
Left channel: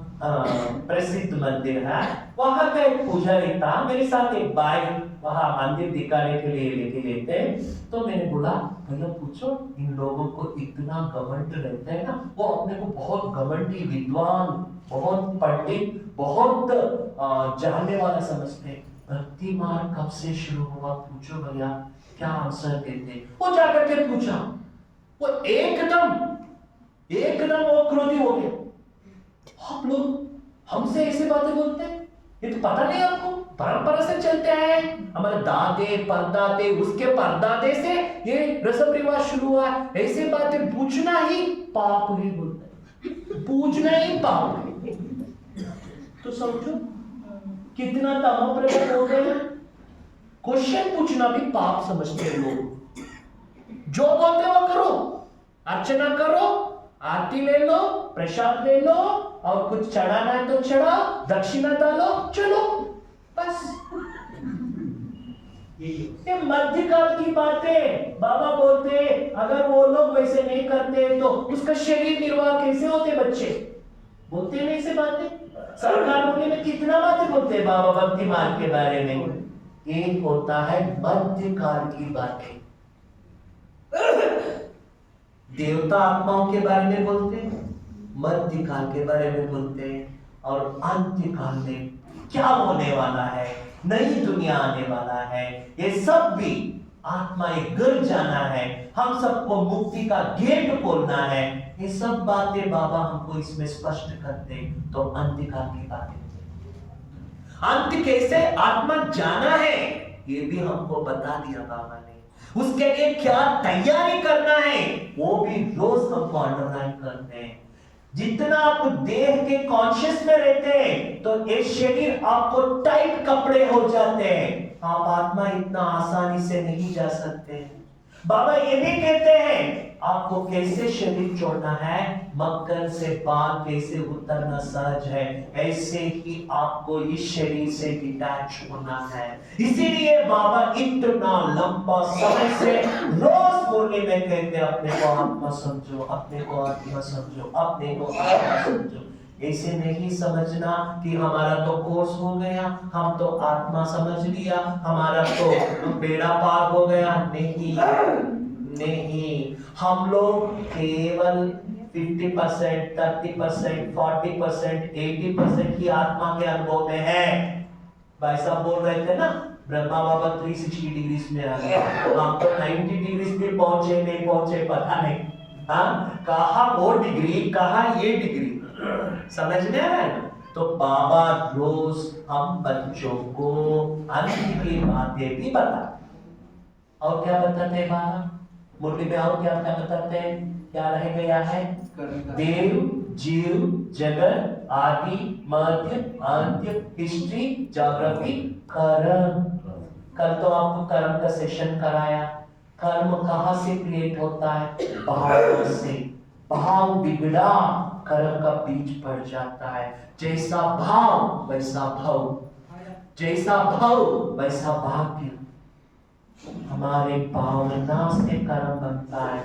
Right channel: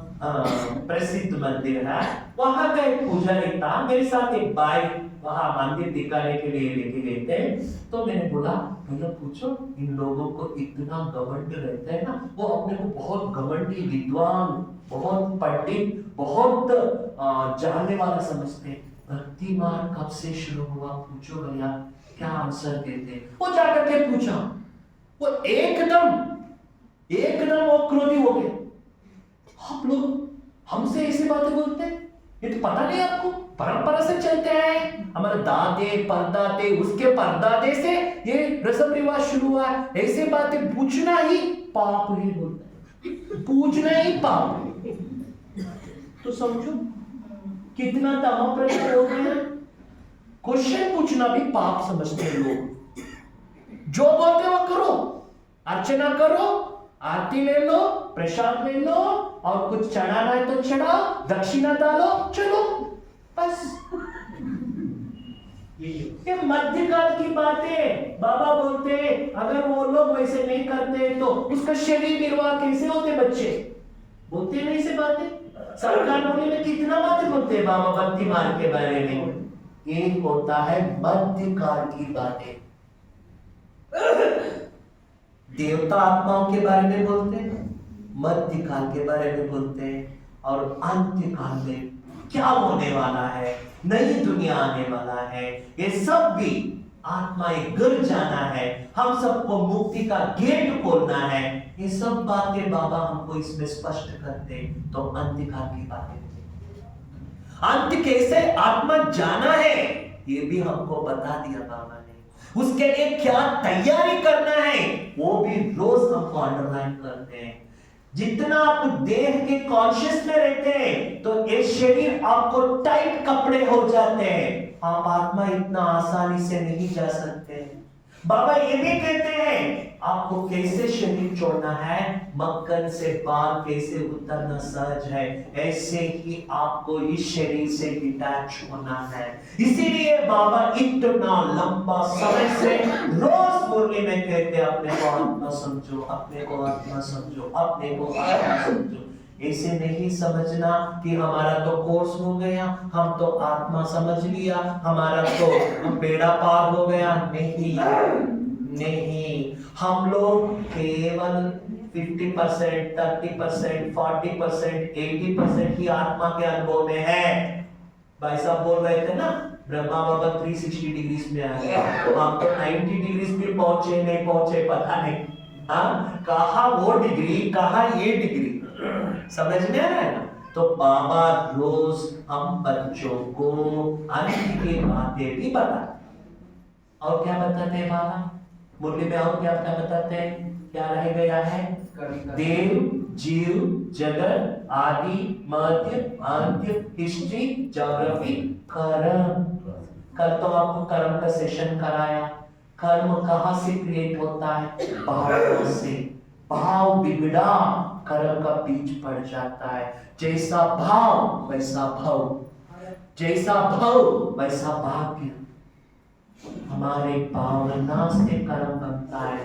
प्रसिद्ध मंदिर है। वहां का एक पुजारी था, मेरे साथ एक भाई वहां मंदिर दिखाने के लिए लेके गए थे। तो मैंने बोला, भैया पूछो, इन लोगों को इतना घमंड रहता है ना, वो अपने को बहुत घमंडी, विद्वान, बहुत पंडित, बहुत जानने वाला समझते। भक्ति मार्ग कब से शुरू हुआ पूछो भैया, क्या आंसर देते? वो जाकर के पूछा, वो एकदम वो क्रोधी हो गया। आप लोग हमसे ऐसी बातें बोलते हैं, ये तो पता नहीं आपको, परंपरा से चलते हैं, हमारे दादे परदादे, उसके परदादे से ये रस्म रिवाज शुरू हुआ है। ऐसी बातें पूछना ही पाप ही बोलते हैं, पूछना ही पाप है। तो समझो कितना तमो प्रकट हो गए। क्वेश्चन पूछना भी पाप समझते हैं लोग। जो बोलते वो करो, अर्चना करो, आरती ले लो, प्रसाद ले लो, और कुछ चढ़ाना है तो चढ़ाओ, दक्षिणा डालो, चलो बस। ये मध्यकाल की बातें बाबा बोलते, अगर वो लोग वैसे नहीं करते तो उसका शरीर निर्वाह कैसे होते। बच्चे बोलते नहीं से बातें। सरकार बोली में कितना बातें बोलते हैं बाबा भक्ति मार्ग के बारे में। एक होता है मध्यकाल की बातें, देवता आत्माओं के बारे में बोलते हैं, मध्यकाल के बारे में बोलते हैं, और अंत्यकाल में क्या होने वाला है, नई दुनिया आने वाला है, ये सब भी आत्माएं गिर जाना है, हम सबको मुक्ति का गेट खोलना है। ये सब बातें बाबा हमको इसमें स्पष्ट करते। तो अंत्यकाल की बातें, अंत कैसे आत्मा जाना है ये भी हमको बता दिया बाबा ने। उसके लिए क्या तैयारी करना है वो भी रोज हमको अंडरलाइन करते हैं। जितना आप देह के कॉन्शियस में रहते हैं तो ये शरीर आपको टाइट कपड़े हो जाते हैं, आप आत्मा इतना आसानी से नहीं जा सकते। बाबा ये भी कहते हैं आपको कैसे शरीर छोड़ना है, मक्खन से बाल कैसे उतरना सहज है, ऐसे ही आपको इस शरीर से डिटैच होना है। इसीलिए बाबा इतना लंबा समय से रोज मुरली में कहते अपने को आत्मा समझो, अपने को आत्मा समझो, अपने को आत्मा समझो। ऐसे नहीं समझना कि हमारा तो कोर्स हो गया, हम तो आत्मा समझ लिया, हमारा तो बेड़ा पार हो गया। नहीं नहीं, हम लोग केवल 50%, 30%, 40%, 80% ही आत्मा के अनुभव में है। भाई साहब बोल रहे थे ना, ब्रह्मा बाबा 360 डिग्रीज में आ गए, हम तो 90 डिग्रीज भी पहुंचे नहीं पहुंचे पता नहीं। हाँ, कहा वो डिग्री, कहा ये डिग्री, समझ में आ रहा है ना। तो बाबा रोज हम बच्चों को अंत की बातें भी बताते। और क्या बताते हैं बाबा मुरली में, और क्या क्या बताते हैं, क्या रह गया है, देव जीव जगत आदि मध्य अंत्य हिस्ट्री ज्योग्राफी कर्म। कल तो आपको कर्म का सेशन कराया। कर्म कहाँ से क्रिएट होता है, भाव से। भाव बिगड़ा कर्म का बीज पड़ जाता है। जैसा भाव वैसा भाव, जैसा भाव वैसा भाग्य। हमारे भावना से कर्म बनता है।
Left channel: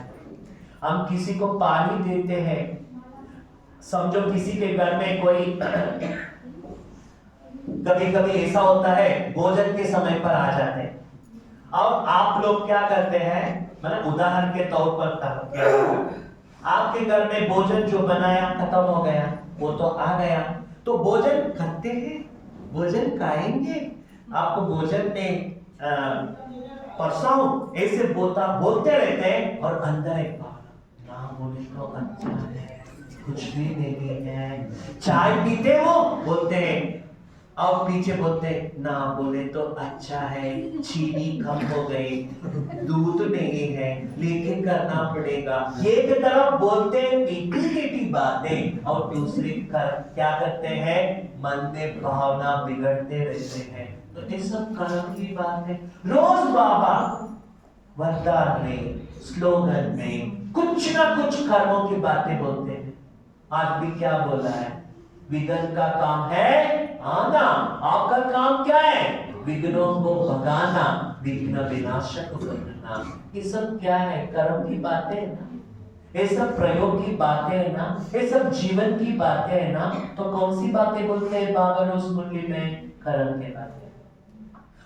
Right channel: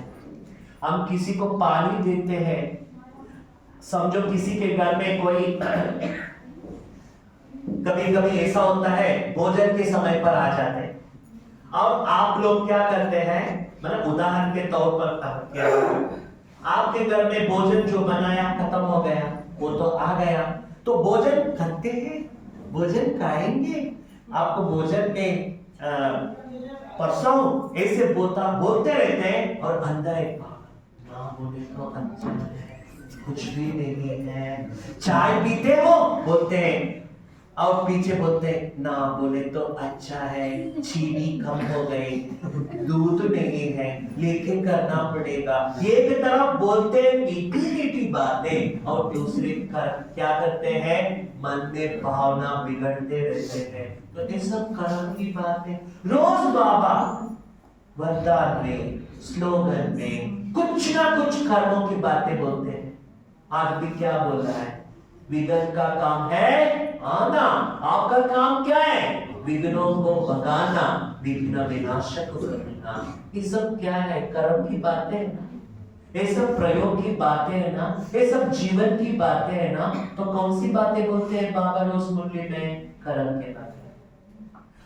हम किसी को पानी देते हैं, समझो किसी के घर में कोई कभी कभी ऐसा होता है भोजन के समय पर आ जाते हैं, और आप लोग क्या करते हैं, मतलब उदाहरण के तौर पर आपके घर में भोजन जो बनाया खत्म हो गया, वो तो आ गया, तो भोजन खाते हैं, भोजन खाएंगे। आपको भोजन में परसाओ ऐसे बोलते रहते हैं, और अंदर एक ना बोले तो अच्छा है, कुछ भी नहीं है। चाय पीते हो बोलते हैं, और पीछे बोलते ना बोले तो अच्छा है, चीनी कम हो गई, दूध नहीं है, लेके करना पड़ेगा। एक तरफ बोलते मीठी मीठी बातें, और दूसरी क्या करते हैं, मन में भावना बिगड़ते रहते हैं। तो ये सब कर्म की बातें रोज बाबा वरदान में, स्लोगन में कुछ ना कुछ कर्मों की बातें बोलते हैं। आज भी क्या बोला है, विघ्न का काम है आना, आपका काम क्या है, विघ्नों को भगाना, विघ्न विनाशक बनना। ये सब क्या है, कर्म की बातें है ना, ये सब प्रयोग की बातें है ना, ये सब जीवन की बातें है ना। तो कौन सी बातें बोलते हैं बाबा रोज मुरली में, कर्म के बातें।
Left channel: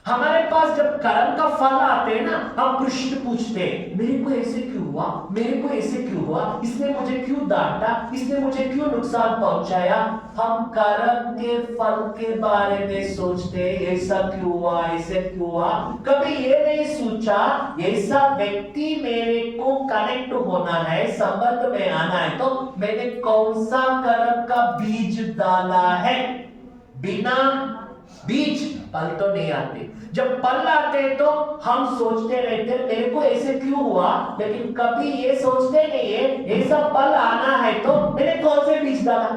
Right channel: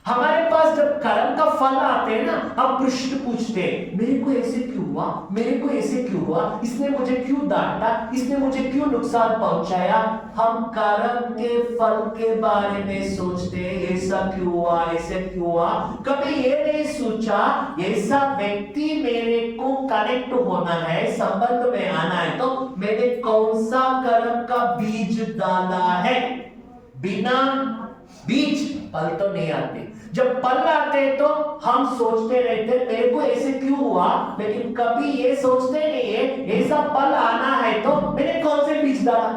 हमारे पास जब कर्म का फल आते हैं ना, हम प्रश्न पूछते हैं, मेरे को ऐसे क्यों हुआ, मेरे को ऐसे क्यों हुआ, इसने मुझे क्यों डांटा, इसने मुझे क्यों नुकसान पहुंचाया। हम कर्म के फल के बारे में सोचते हैं, ऐसा क्यों हुआ, ऐसे क्यों हुआ। कभी ये नहीं सोचा ऐसा व्यक्ति मेरे को कनेक्ट होना है, संबंध में आना है, तो मैंने कौन सा कर्म का बीज डाला है। बिना बीज फल तो नहीं आते। जब फल आते तो हम सोचते रहते मेरे को ऐसे क्यों हुआ, लेकिन कभी ये सोचते नहीं है ऐसा फल आना है तो मैंने कौन से बीज डाला,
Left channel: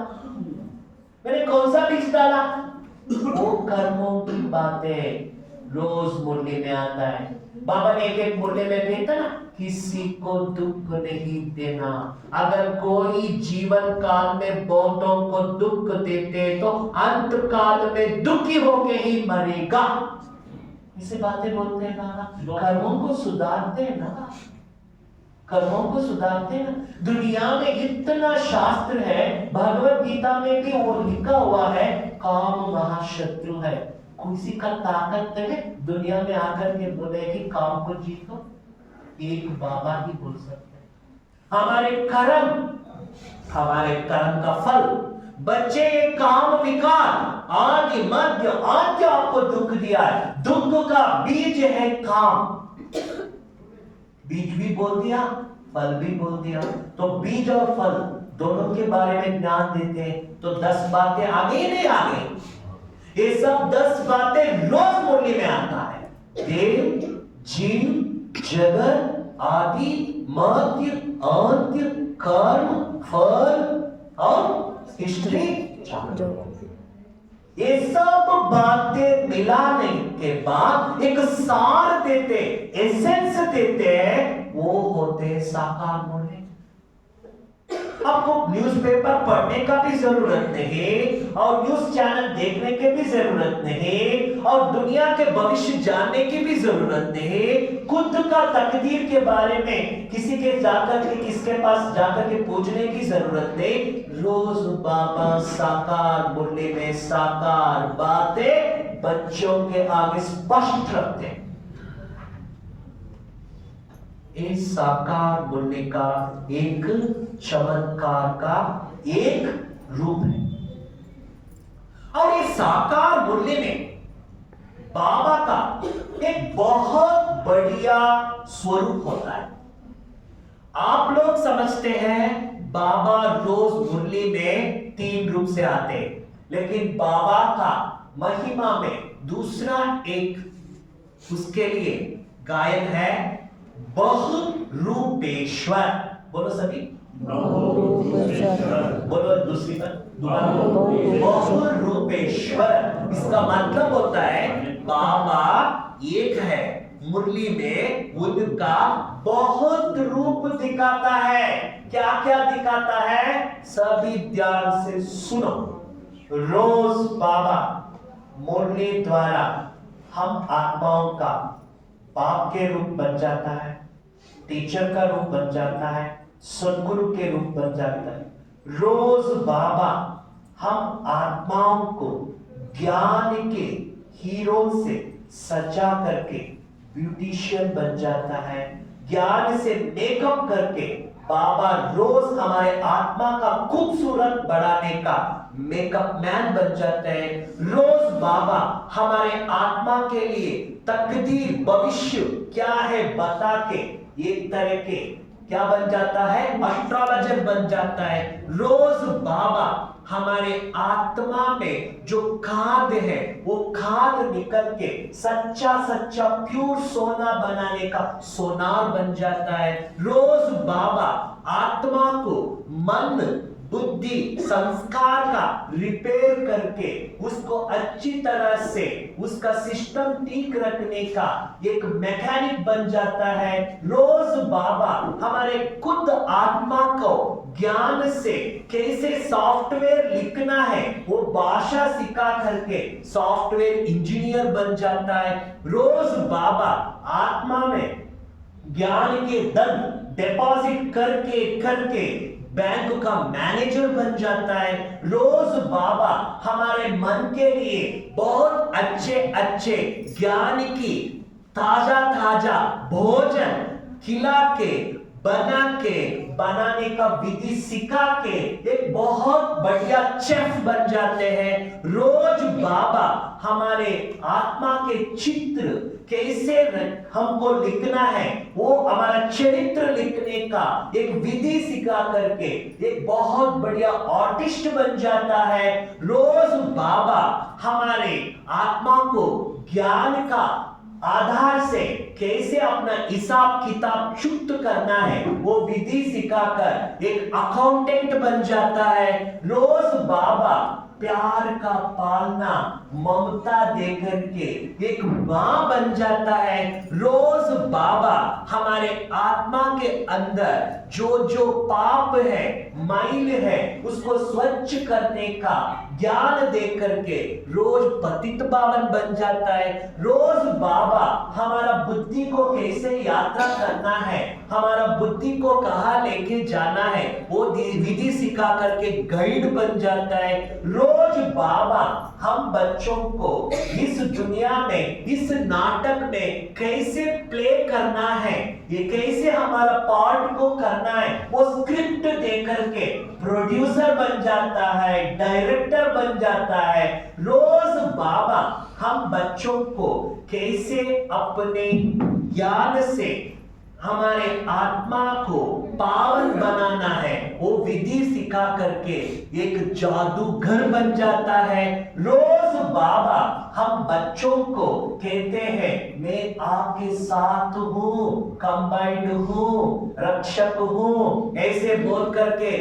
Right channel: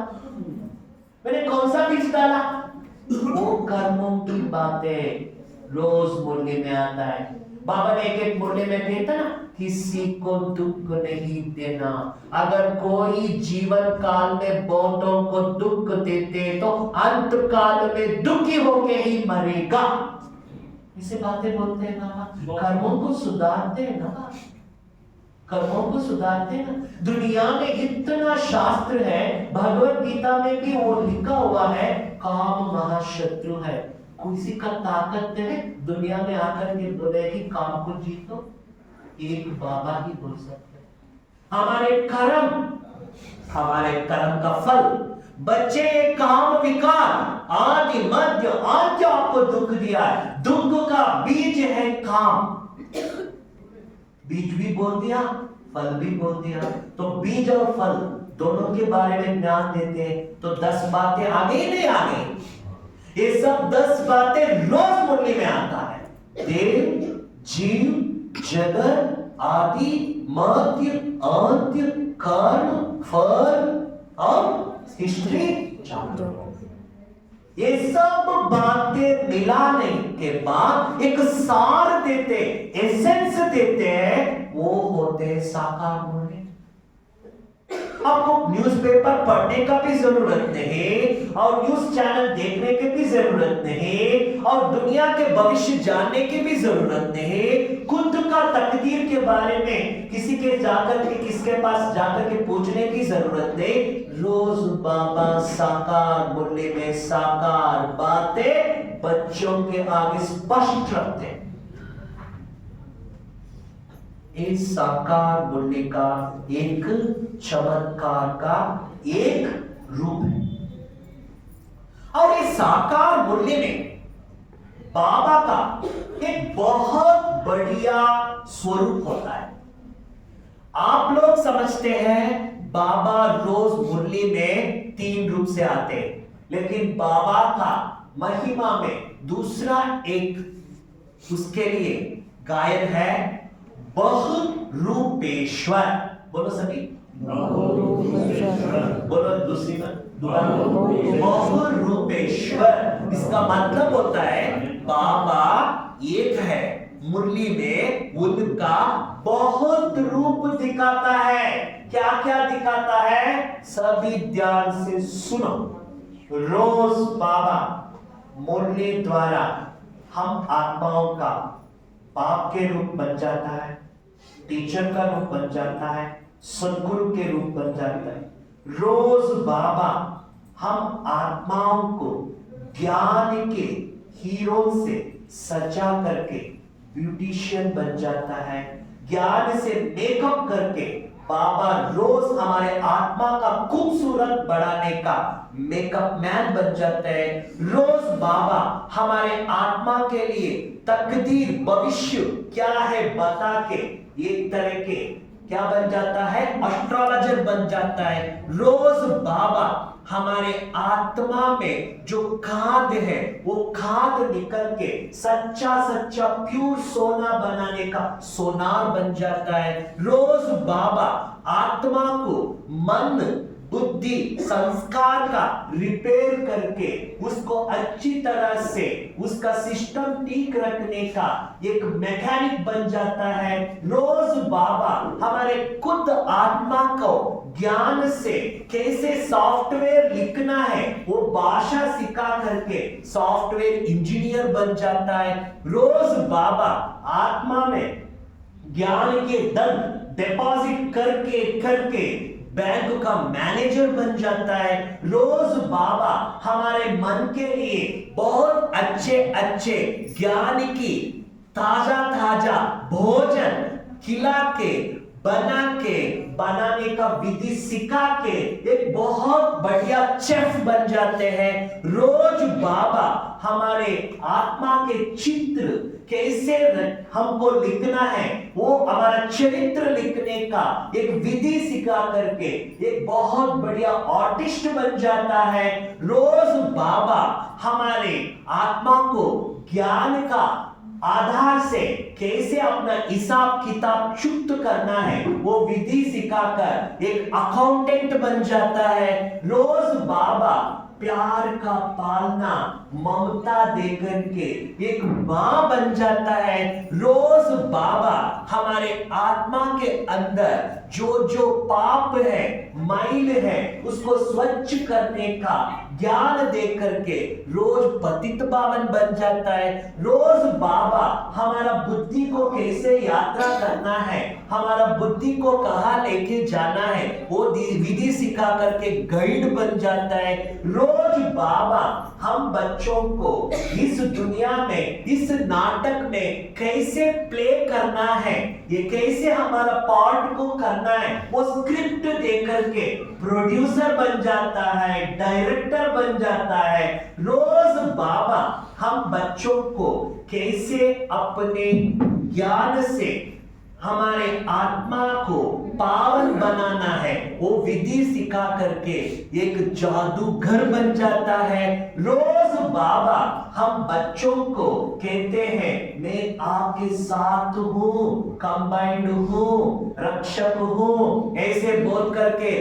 मैंने कौन सा बीज डाला। वो कर्मों की बातें रोज मुरली में आता है। बाबा ने एक मुरली में कहता ना, किसी को दुख नहीं देना। अगर कोई जीवन काल में बहुतों को दुख देते तो अंत काल में दुखी होके ही मरेगा। इसे बातें बोलते हैं बाबा, कर्मों को सुधारते हैं ना, कर्मों को सुधारते हैं ना। दुनिया में इतना शास्त्र है, भगवत गीता में भी वो लिखा हुआ है, काम महाशत्रु है। किसी का ताकत है दुनिया में आकर के बोले कि काम को जीतो, एक बाबा ही बोल सकते हैं। हमारे कर्म का फल बच्चे, काम विकार आदि मध्य अंत आपको दुख दिया है। दुख का बीज है काम। बीज भी बोल दिया, फल भी बोल दिया। तो बीज और फल दोनों के बारे में ज्ञान देते हैं। तो 10 बातें आ गई नहीं आ गई? ये सब 10 बातें रोज मुरली में आता है। देव, जीव, जगत, आदि, मध्य, अंत्य, कर्म, फल और हिस्ट्री। ये सब बातें मिलाने के बाद एक सार देते, एसेंस देते हैं, वो होते साकार मुरली। आपको न्यूज़पेपर पढ़ने का भी जरूरत नहीं और न्यूज चैनल देखने की भी जरूरत नहीं और दुनिया के भविष्य जानने की भी जरूरत नहीं। खुद का तकदीर के बारे में किसके पास जाकर के पूछने की जरूरत नहीं। रोज बाबा साकार मुरली में साकार बातें बच्चों के आगे स्पष्ट रखते हैं। इस साकार मुरली का एक चमत्कार का एक रूप है। और इस साकार मुरली में बाबा का एक बहुत बढ़िया स्वरूप होता है। आप लोग समझते हैं बाबा रोज मुरली में 3 रूप से आते हैं, लेकिन बाबा का महिमा में दूसरा एक उसके लिए गायन है, बहुरूपेश्वर। बोलो सभी, बोलो दूसरी बार दोबारा, बहुरूपेश्वर। इसका मतलब होता है बाबा एक है, मुरली में उनका बहुत रूप दिखाता है। क्या क्या दिखाता है? सभी ध्यान से सुनो। रोज बाबा मुरली द्वारा हम आत्माओं का बाप के रूप बन जाता है, टीचर का रूप बन जाता है, सदगुरु के रूप बन जाता है। रोज बाबा हम आत्माओं को ज्ञान के हीरो से सजा करके ब्यूटिशियन बन जाता है। ज्ञान से मेकअप करके बाबा रोज हमारे आत्मा का खूबसूरत बढ़ाने का मेकअप मैन बन जाते हैं। रोज बाबा हमारे आत्मा के लिए तकदीर भविष्य क्या है बता के एक तरह के क्या बन जाता है, एस्ट्रोलॉजर बन जाता है। रोज बाबा हमारे आत्मा में जो खाद है वो खाद निकल के सच्चा सच्चा प्योर सोना बनाने का सोनार बन जाता है। रोज बाबा आत्मा को मन बुद्धि संस्कार का रिपेयर करके उसको अच्छी तरह से उसका सिस्टम ठीक रखने का एक मैकेनिक बन जाता है। रोज बाबा हमारे खुद आत्मा को ज्ञान से कैसे सॉफ्टवेयर लिखना है वो भाषा सिखा करके सॉफ्टवेयर इंजीनियर बन जाता है। रोज बाबा आत्मा में ज्ञान के धन डिपॉजिट करके करके बैंक का मैनेजर बन जाता है। रोज बाबा हमारे मन के लिए बहुत अच्छे अच्छे ज्ञान की ताजा ताजा भोजन खिला के बनाने का विधि सिखा के एक बहुत बढ़िया शेफ बन जाते हैं। रोज बाबा हमारे आत्मा के चित्र कैसे हमको लिखना है वो हमारा चरित्र लिखने का एक विधि सिखा करके एक बहुत बढ़िया आर्टिस्ट बन जाता है। रोज बाबा हमारे आत्मा को ज्ञान का आधार से कैसे अपना हिसाब किताब चुप्त करना है वो विधि सिखाकर एक अकाउंटेंट बन जाता है। रोज बाबा प्यार का पालना, ममता देकर के एक मां बन जाता है। रोज बाबा हमारे आत्मा के अंदर जो जो पाप है, मैल है, उसको स्वच्छ करने का ज्ञान दे करके रोज पतित पावन बन जाता है। रोज बाबा हमारा बुद्धि को कैसे यात्रा करना है, हमारा बुद्धि को कहां लेके जाना है, वो विधि सिखा करके गाइड बन जाता है। रोज बाबा हम बच्चों को इस दुनिया में, इस नाटक में कैसे प्ले करना है, ये कैसे हमारा पार्ट को करना है, वो स्क्रिप्ट दे करके प्रोड्यूसर बन जाता है, डायरेक्टर बन जाता है। रोज बाबा हम बच्चों को कैसे अपने ज्ञान से हमारे आत्मा को पावन बनाना है, वो विधि सिखा करके एक जादूगर बन जाता है। रोज बाबा हम बच्चों को कहते हैं मैं आपके साथ हूं, कंबाइंड हूं, रक्षक हूं, ऐसे बोल करके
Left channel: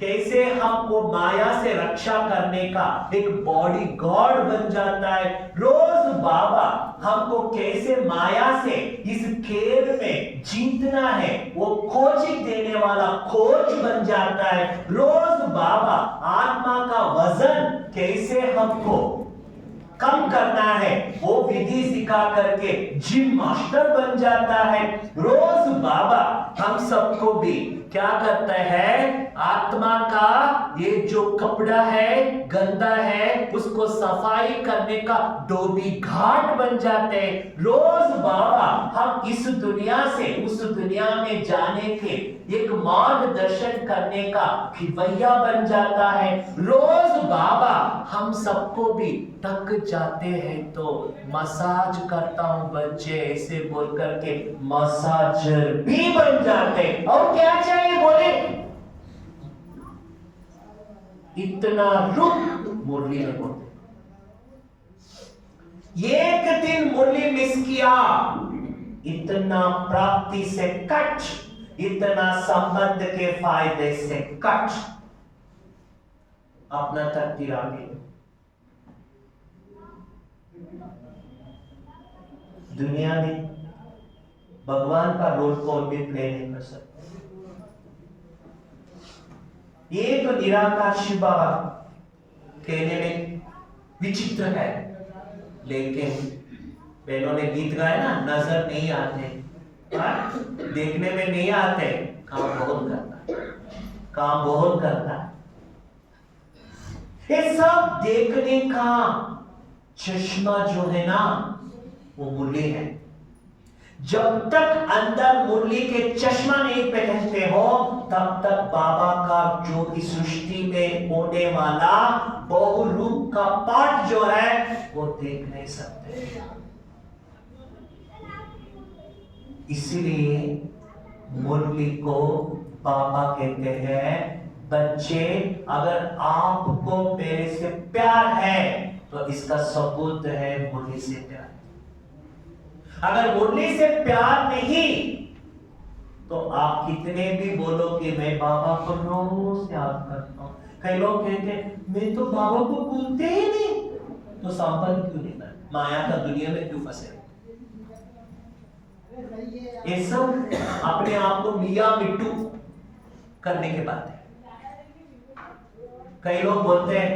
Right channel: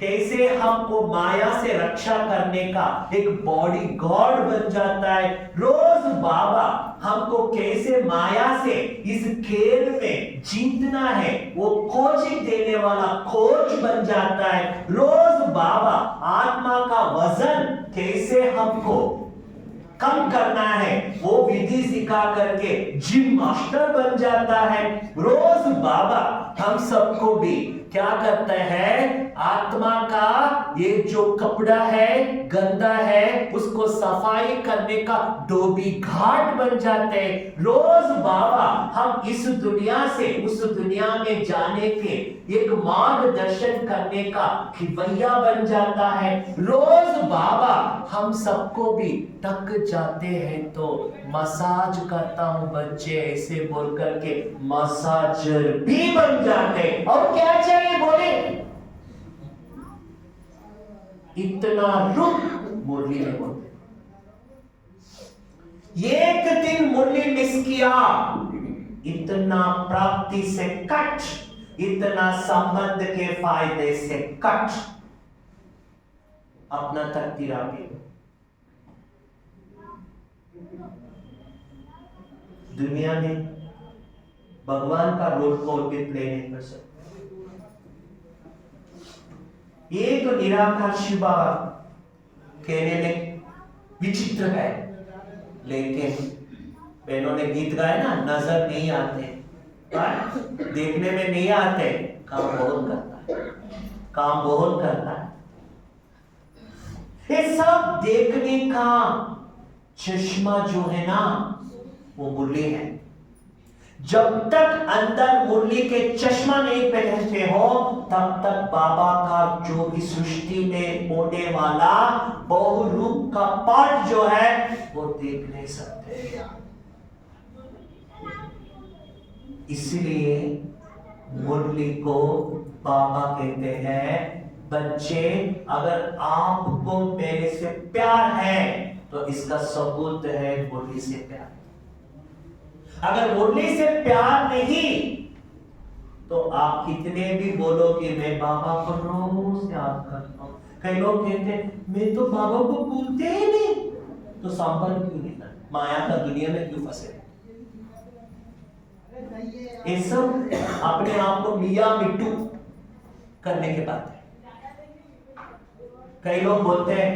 कैसे हमको माया से रक्षा करने का एक बॉडी गॉड बन जाता है। रोज बाबा हमको कैसे माया से इस खेल में जीतना है, वो कोचिंग देने वाला कोच बन जाता है। रोज बाबा आत्मा का वजन कैसे हमको कम करना है, वो विधि सिखा करके जिम मास्टर बन जाता है। रोज बाबा हम सबको भी क्या करता है, आत्मा का ये जो कपड़ा है गंदा है, उसको सफाई करने का डोबी घाट बन जाते हैं। रोज बाबा हम इस दुनिया से उस दुनिया में जाने के एक मार्गदर्शन करने का खिवैया बन जाता है। रोज बाबा हम सबको भी थक जाते हैं तो मसाज करता हूं बच्चे, ऐसे बोल करके मसाजर भी बन जाते। और क्या चाहिए बोले, इतना रुक मुरली में बोलते। एक दिन मुरली मिस किया, इतना प्राप्ति से कट, इतना संबंध के फायदे से कट, अपना तकदीर आगे। दुनिया में भगवान का रोल कौन भी प्ले नहीं कर सकते। एक निराकार शिव बाबा कहने में विचित्र है, लेकिन बहनों ने गीत गाए ना, नजर नहीं आते, देखने में नहीं आते, काम बहुत करता है, काम बहुत करता है। ये सब देखने का चश्मा जो है ना, वो मुरली है। जब तक अंदर मुरली के चश्मा नहीं पहनते हो, तब तक बाबा का जो इस सृष्टि में होने वाला बहुरूप का पाठ जो है वो देख नहीं सकते। इसलिए मुरली को बाबा कहते हैं, बच्चे अगर आपको मेरे से प्यार है तो इसका सबूत है मुरली से प्यार। अगर मुरली से प्यार नहीं तो आप कितने भी बोलो कि मैं बाबा को रोज याद करता हूं। कई लोग कहते हैं मैं तो बाबा को भूलते ही नहीं, तो संबंध क्यों नहीं करते, माया का दुनिया में क्यों फंसे। ये सब अपने आप को मियां मिट्टू करने के बाद है। कई लोग बोलते हैं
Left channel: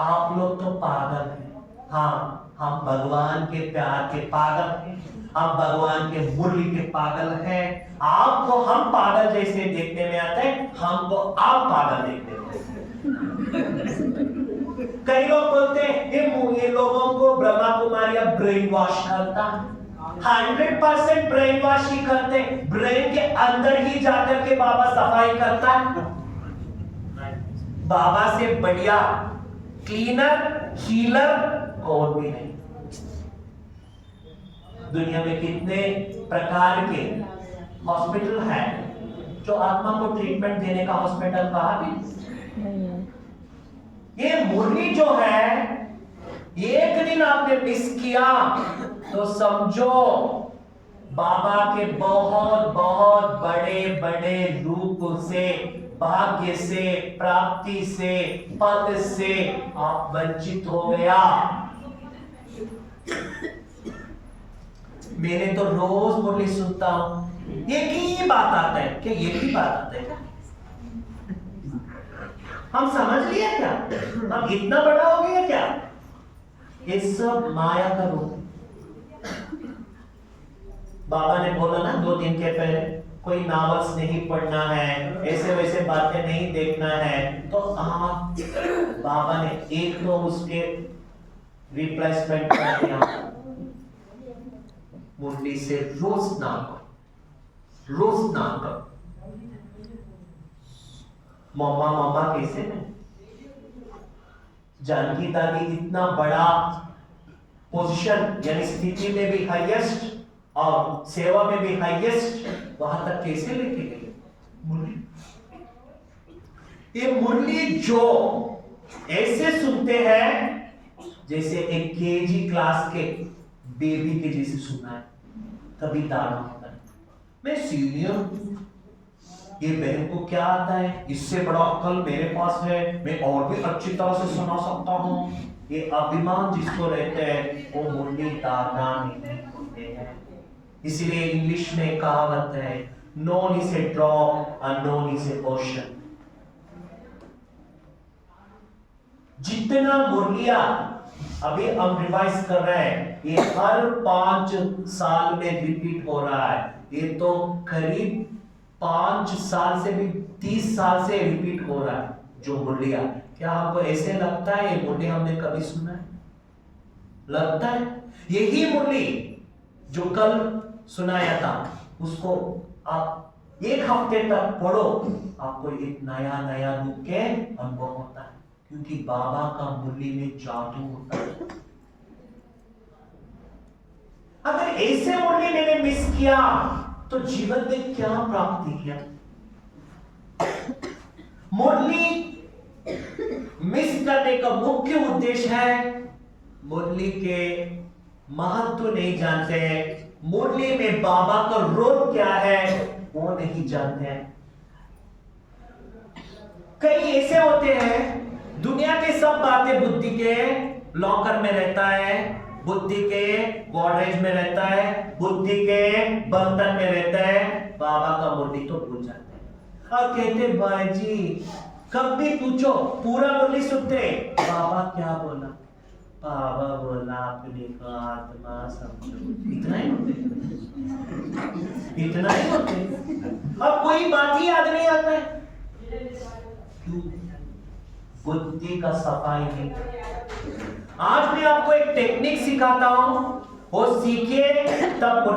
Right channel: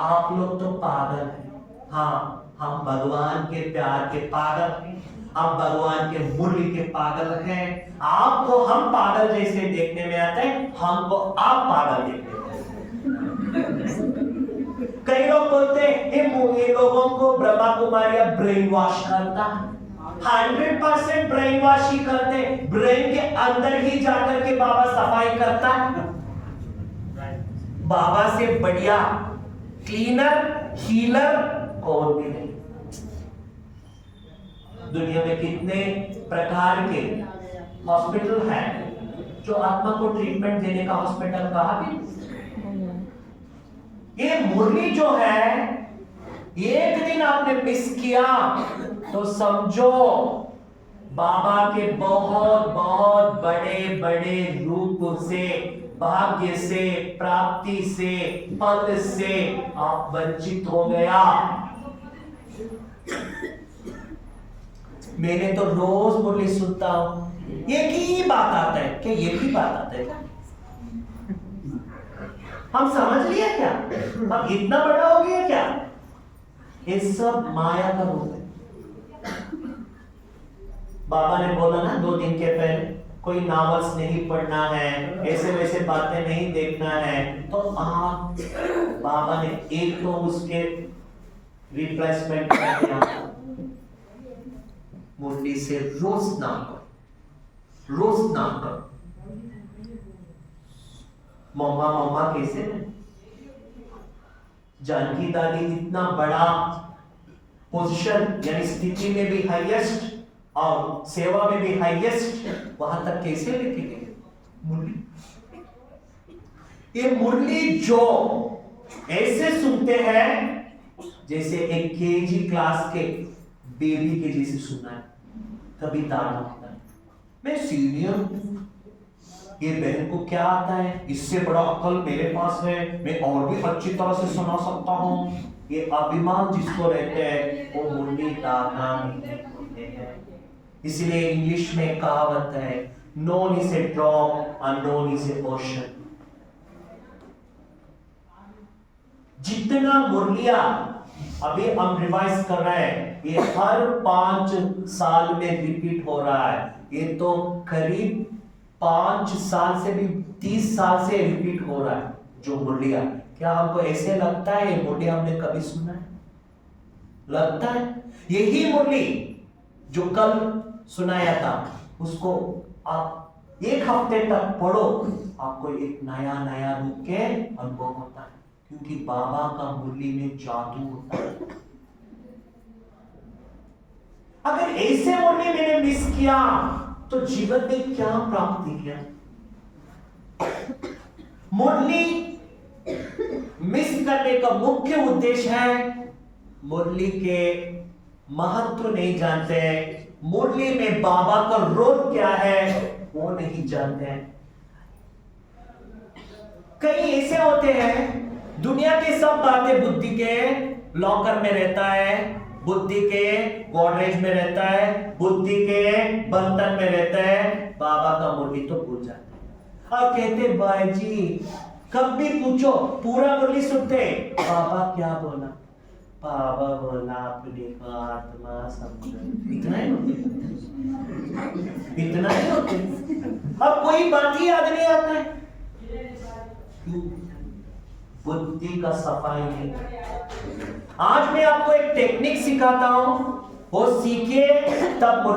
आप लोग तो पागल हैं। हाँ, हम भगवान के प्यार के पागल हैं, हम भगवान के मुरली के पागल हैं। आपको हम पागल जैसे देखने में आते हैं, हमको आप पागल देखने में आते हैं। कई लोग बोलते हैं ये लोगों को ब्रह्मा कुमारिया ब्रेन वॉश करता है। 100% ब्रेन वॉश ही करते, ब्रेन के अंदर ही जाकर के बाबा सफाई करता है। बाबा से बढ़िया क्लीनर हीलर कौन भी नहीं। दुनिया में कितने प्रकार के हॉस्पिटल हैं जो आत्मा को ट्रीटमेंट देने का हॉस्पिटल कहा भी। ये मुरली जो है, एक दिन आपने मिस किया तो समझो बाबा के बहुत बहुत बड़े बड़े रूप से भाग्य से, प्राप्ति से, पद से आप वंचित हो गया। मैंने तो रोज मुरली सुनता हूं, एक ही बात आता है। क्या एक ही बात आता है क्या? हम समझ लिया क्या? हम इतना बड़ा हो गया क्या? ये सब माया का रूप है। बाबा ने बोला ना 2 दिन के पहले, कोई नॉवेल्स नहीं पढ़ना है, ऐसे वैसे बातें नहीं देखना है। तो आप, बाबा ने एक तो उसके रिप्लेसमेंट कर दिया, मुरली से रोज स्नान करो, रोज स्नान करो। मम्मा कैसे है? जानकी दादी इतना बड़ा पोजीशन यानी स्थिति में भी हाईएस्ट और सेवा में भी हाईएस्ट, वहां तक कैसे लेके गए? मुरली। ये मुरली जो ऐसे सुनते हैं जैसे एक केजी क्लास के बेबी के जैसे सुनना है, कभी दाना होता है। मैं सीनियर हूं, ये बहन को क्या आता है, इससे बड़ा अक्ल मेरे पास है, मैं और भी अच्छी तरह से सुना सकता हूं। ये अभिमान जिसको रहते हैं वो मुरली दाना नहीं होते हैं। इसलिए इंग्लिश में कहावत है, known is a drop, unknown is a ocean. जितना मुरलिया अभी हम रिवाइज कर रहे हैं, ये हर 5 साल में रिपीट हो रहा है। ये तो करीब 5 साल से भी 30 साल से रिपीट हो रहा है जो मुरलिया। क्या हमको ऐसे लगता है ये मुरली हमने कभी सुना है? लगता है यही मुरली जो कल सुनाया था, उसको आप 1 हफ्ते तक पढ़ो, आपको एक नया नया रूप के अनुभव होता है, क्योंकि बाबा का मुरली में जादू होता है। अगर ऐसे मुरली मैंने मिस किया तो जीवन में क्या प्राप्ति किया? मुरली मिस करने का मुख्य उद्देश्य है, मुरली के महत्व नहीं जानते हैं, मुरली में बाबा का रोल क्या है वो नहीं जानते हैं। कई ऐसे होते हैं, दुनिया के सब बातें बुद्धि के लॉकर में रहता है, बुद्धि के गोदरेज में रहता है, बुद्धि के बर्तन में रहता है, बाबा का मुरली तो भूल जाते हैं और कहते भाई जी कब भी पूछो पूरा मुरली सुनते, बाबा क्या बोला? बाबा बोला अपने को आत्मा समझो। इतना ही होते, इतना ही होते। अब कोई बात ही याद नहीं आता है, क्यों? बुद्धि का सफाई नहीं। आज मैं आपको एक टेक्निक सिखाता हूं, वो सीखिए तब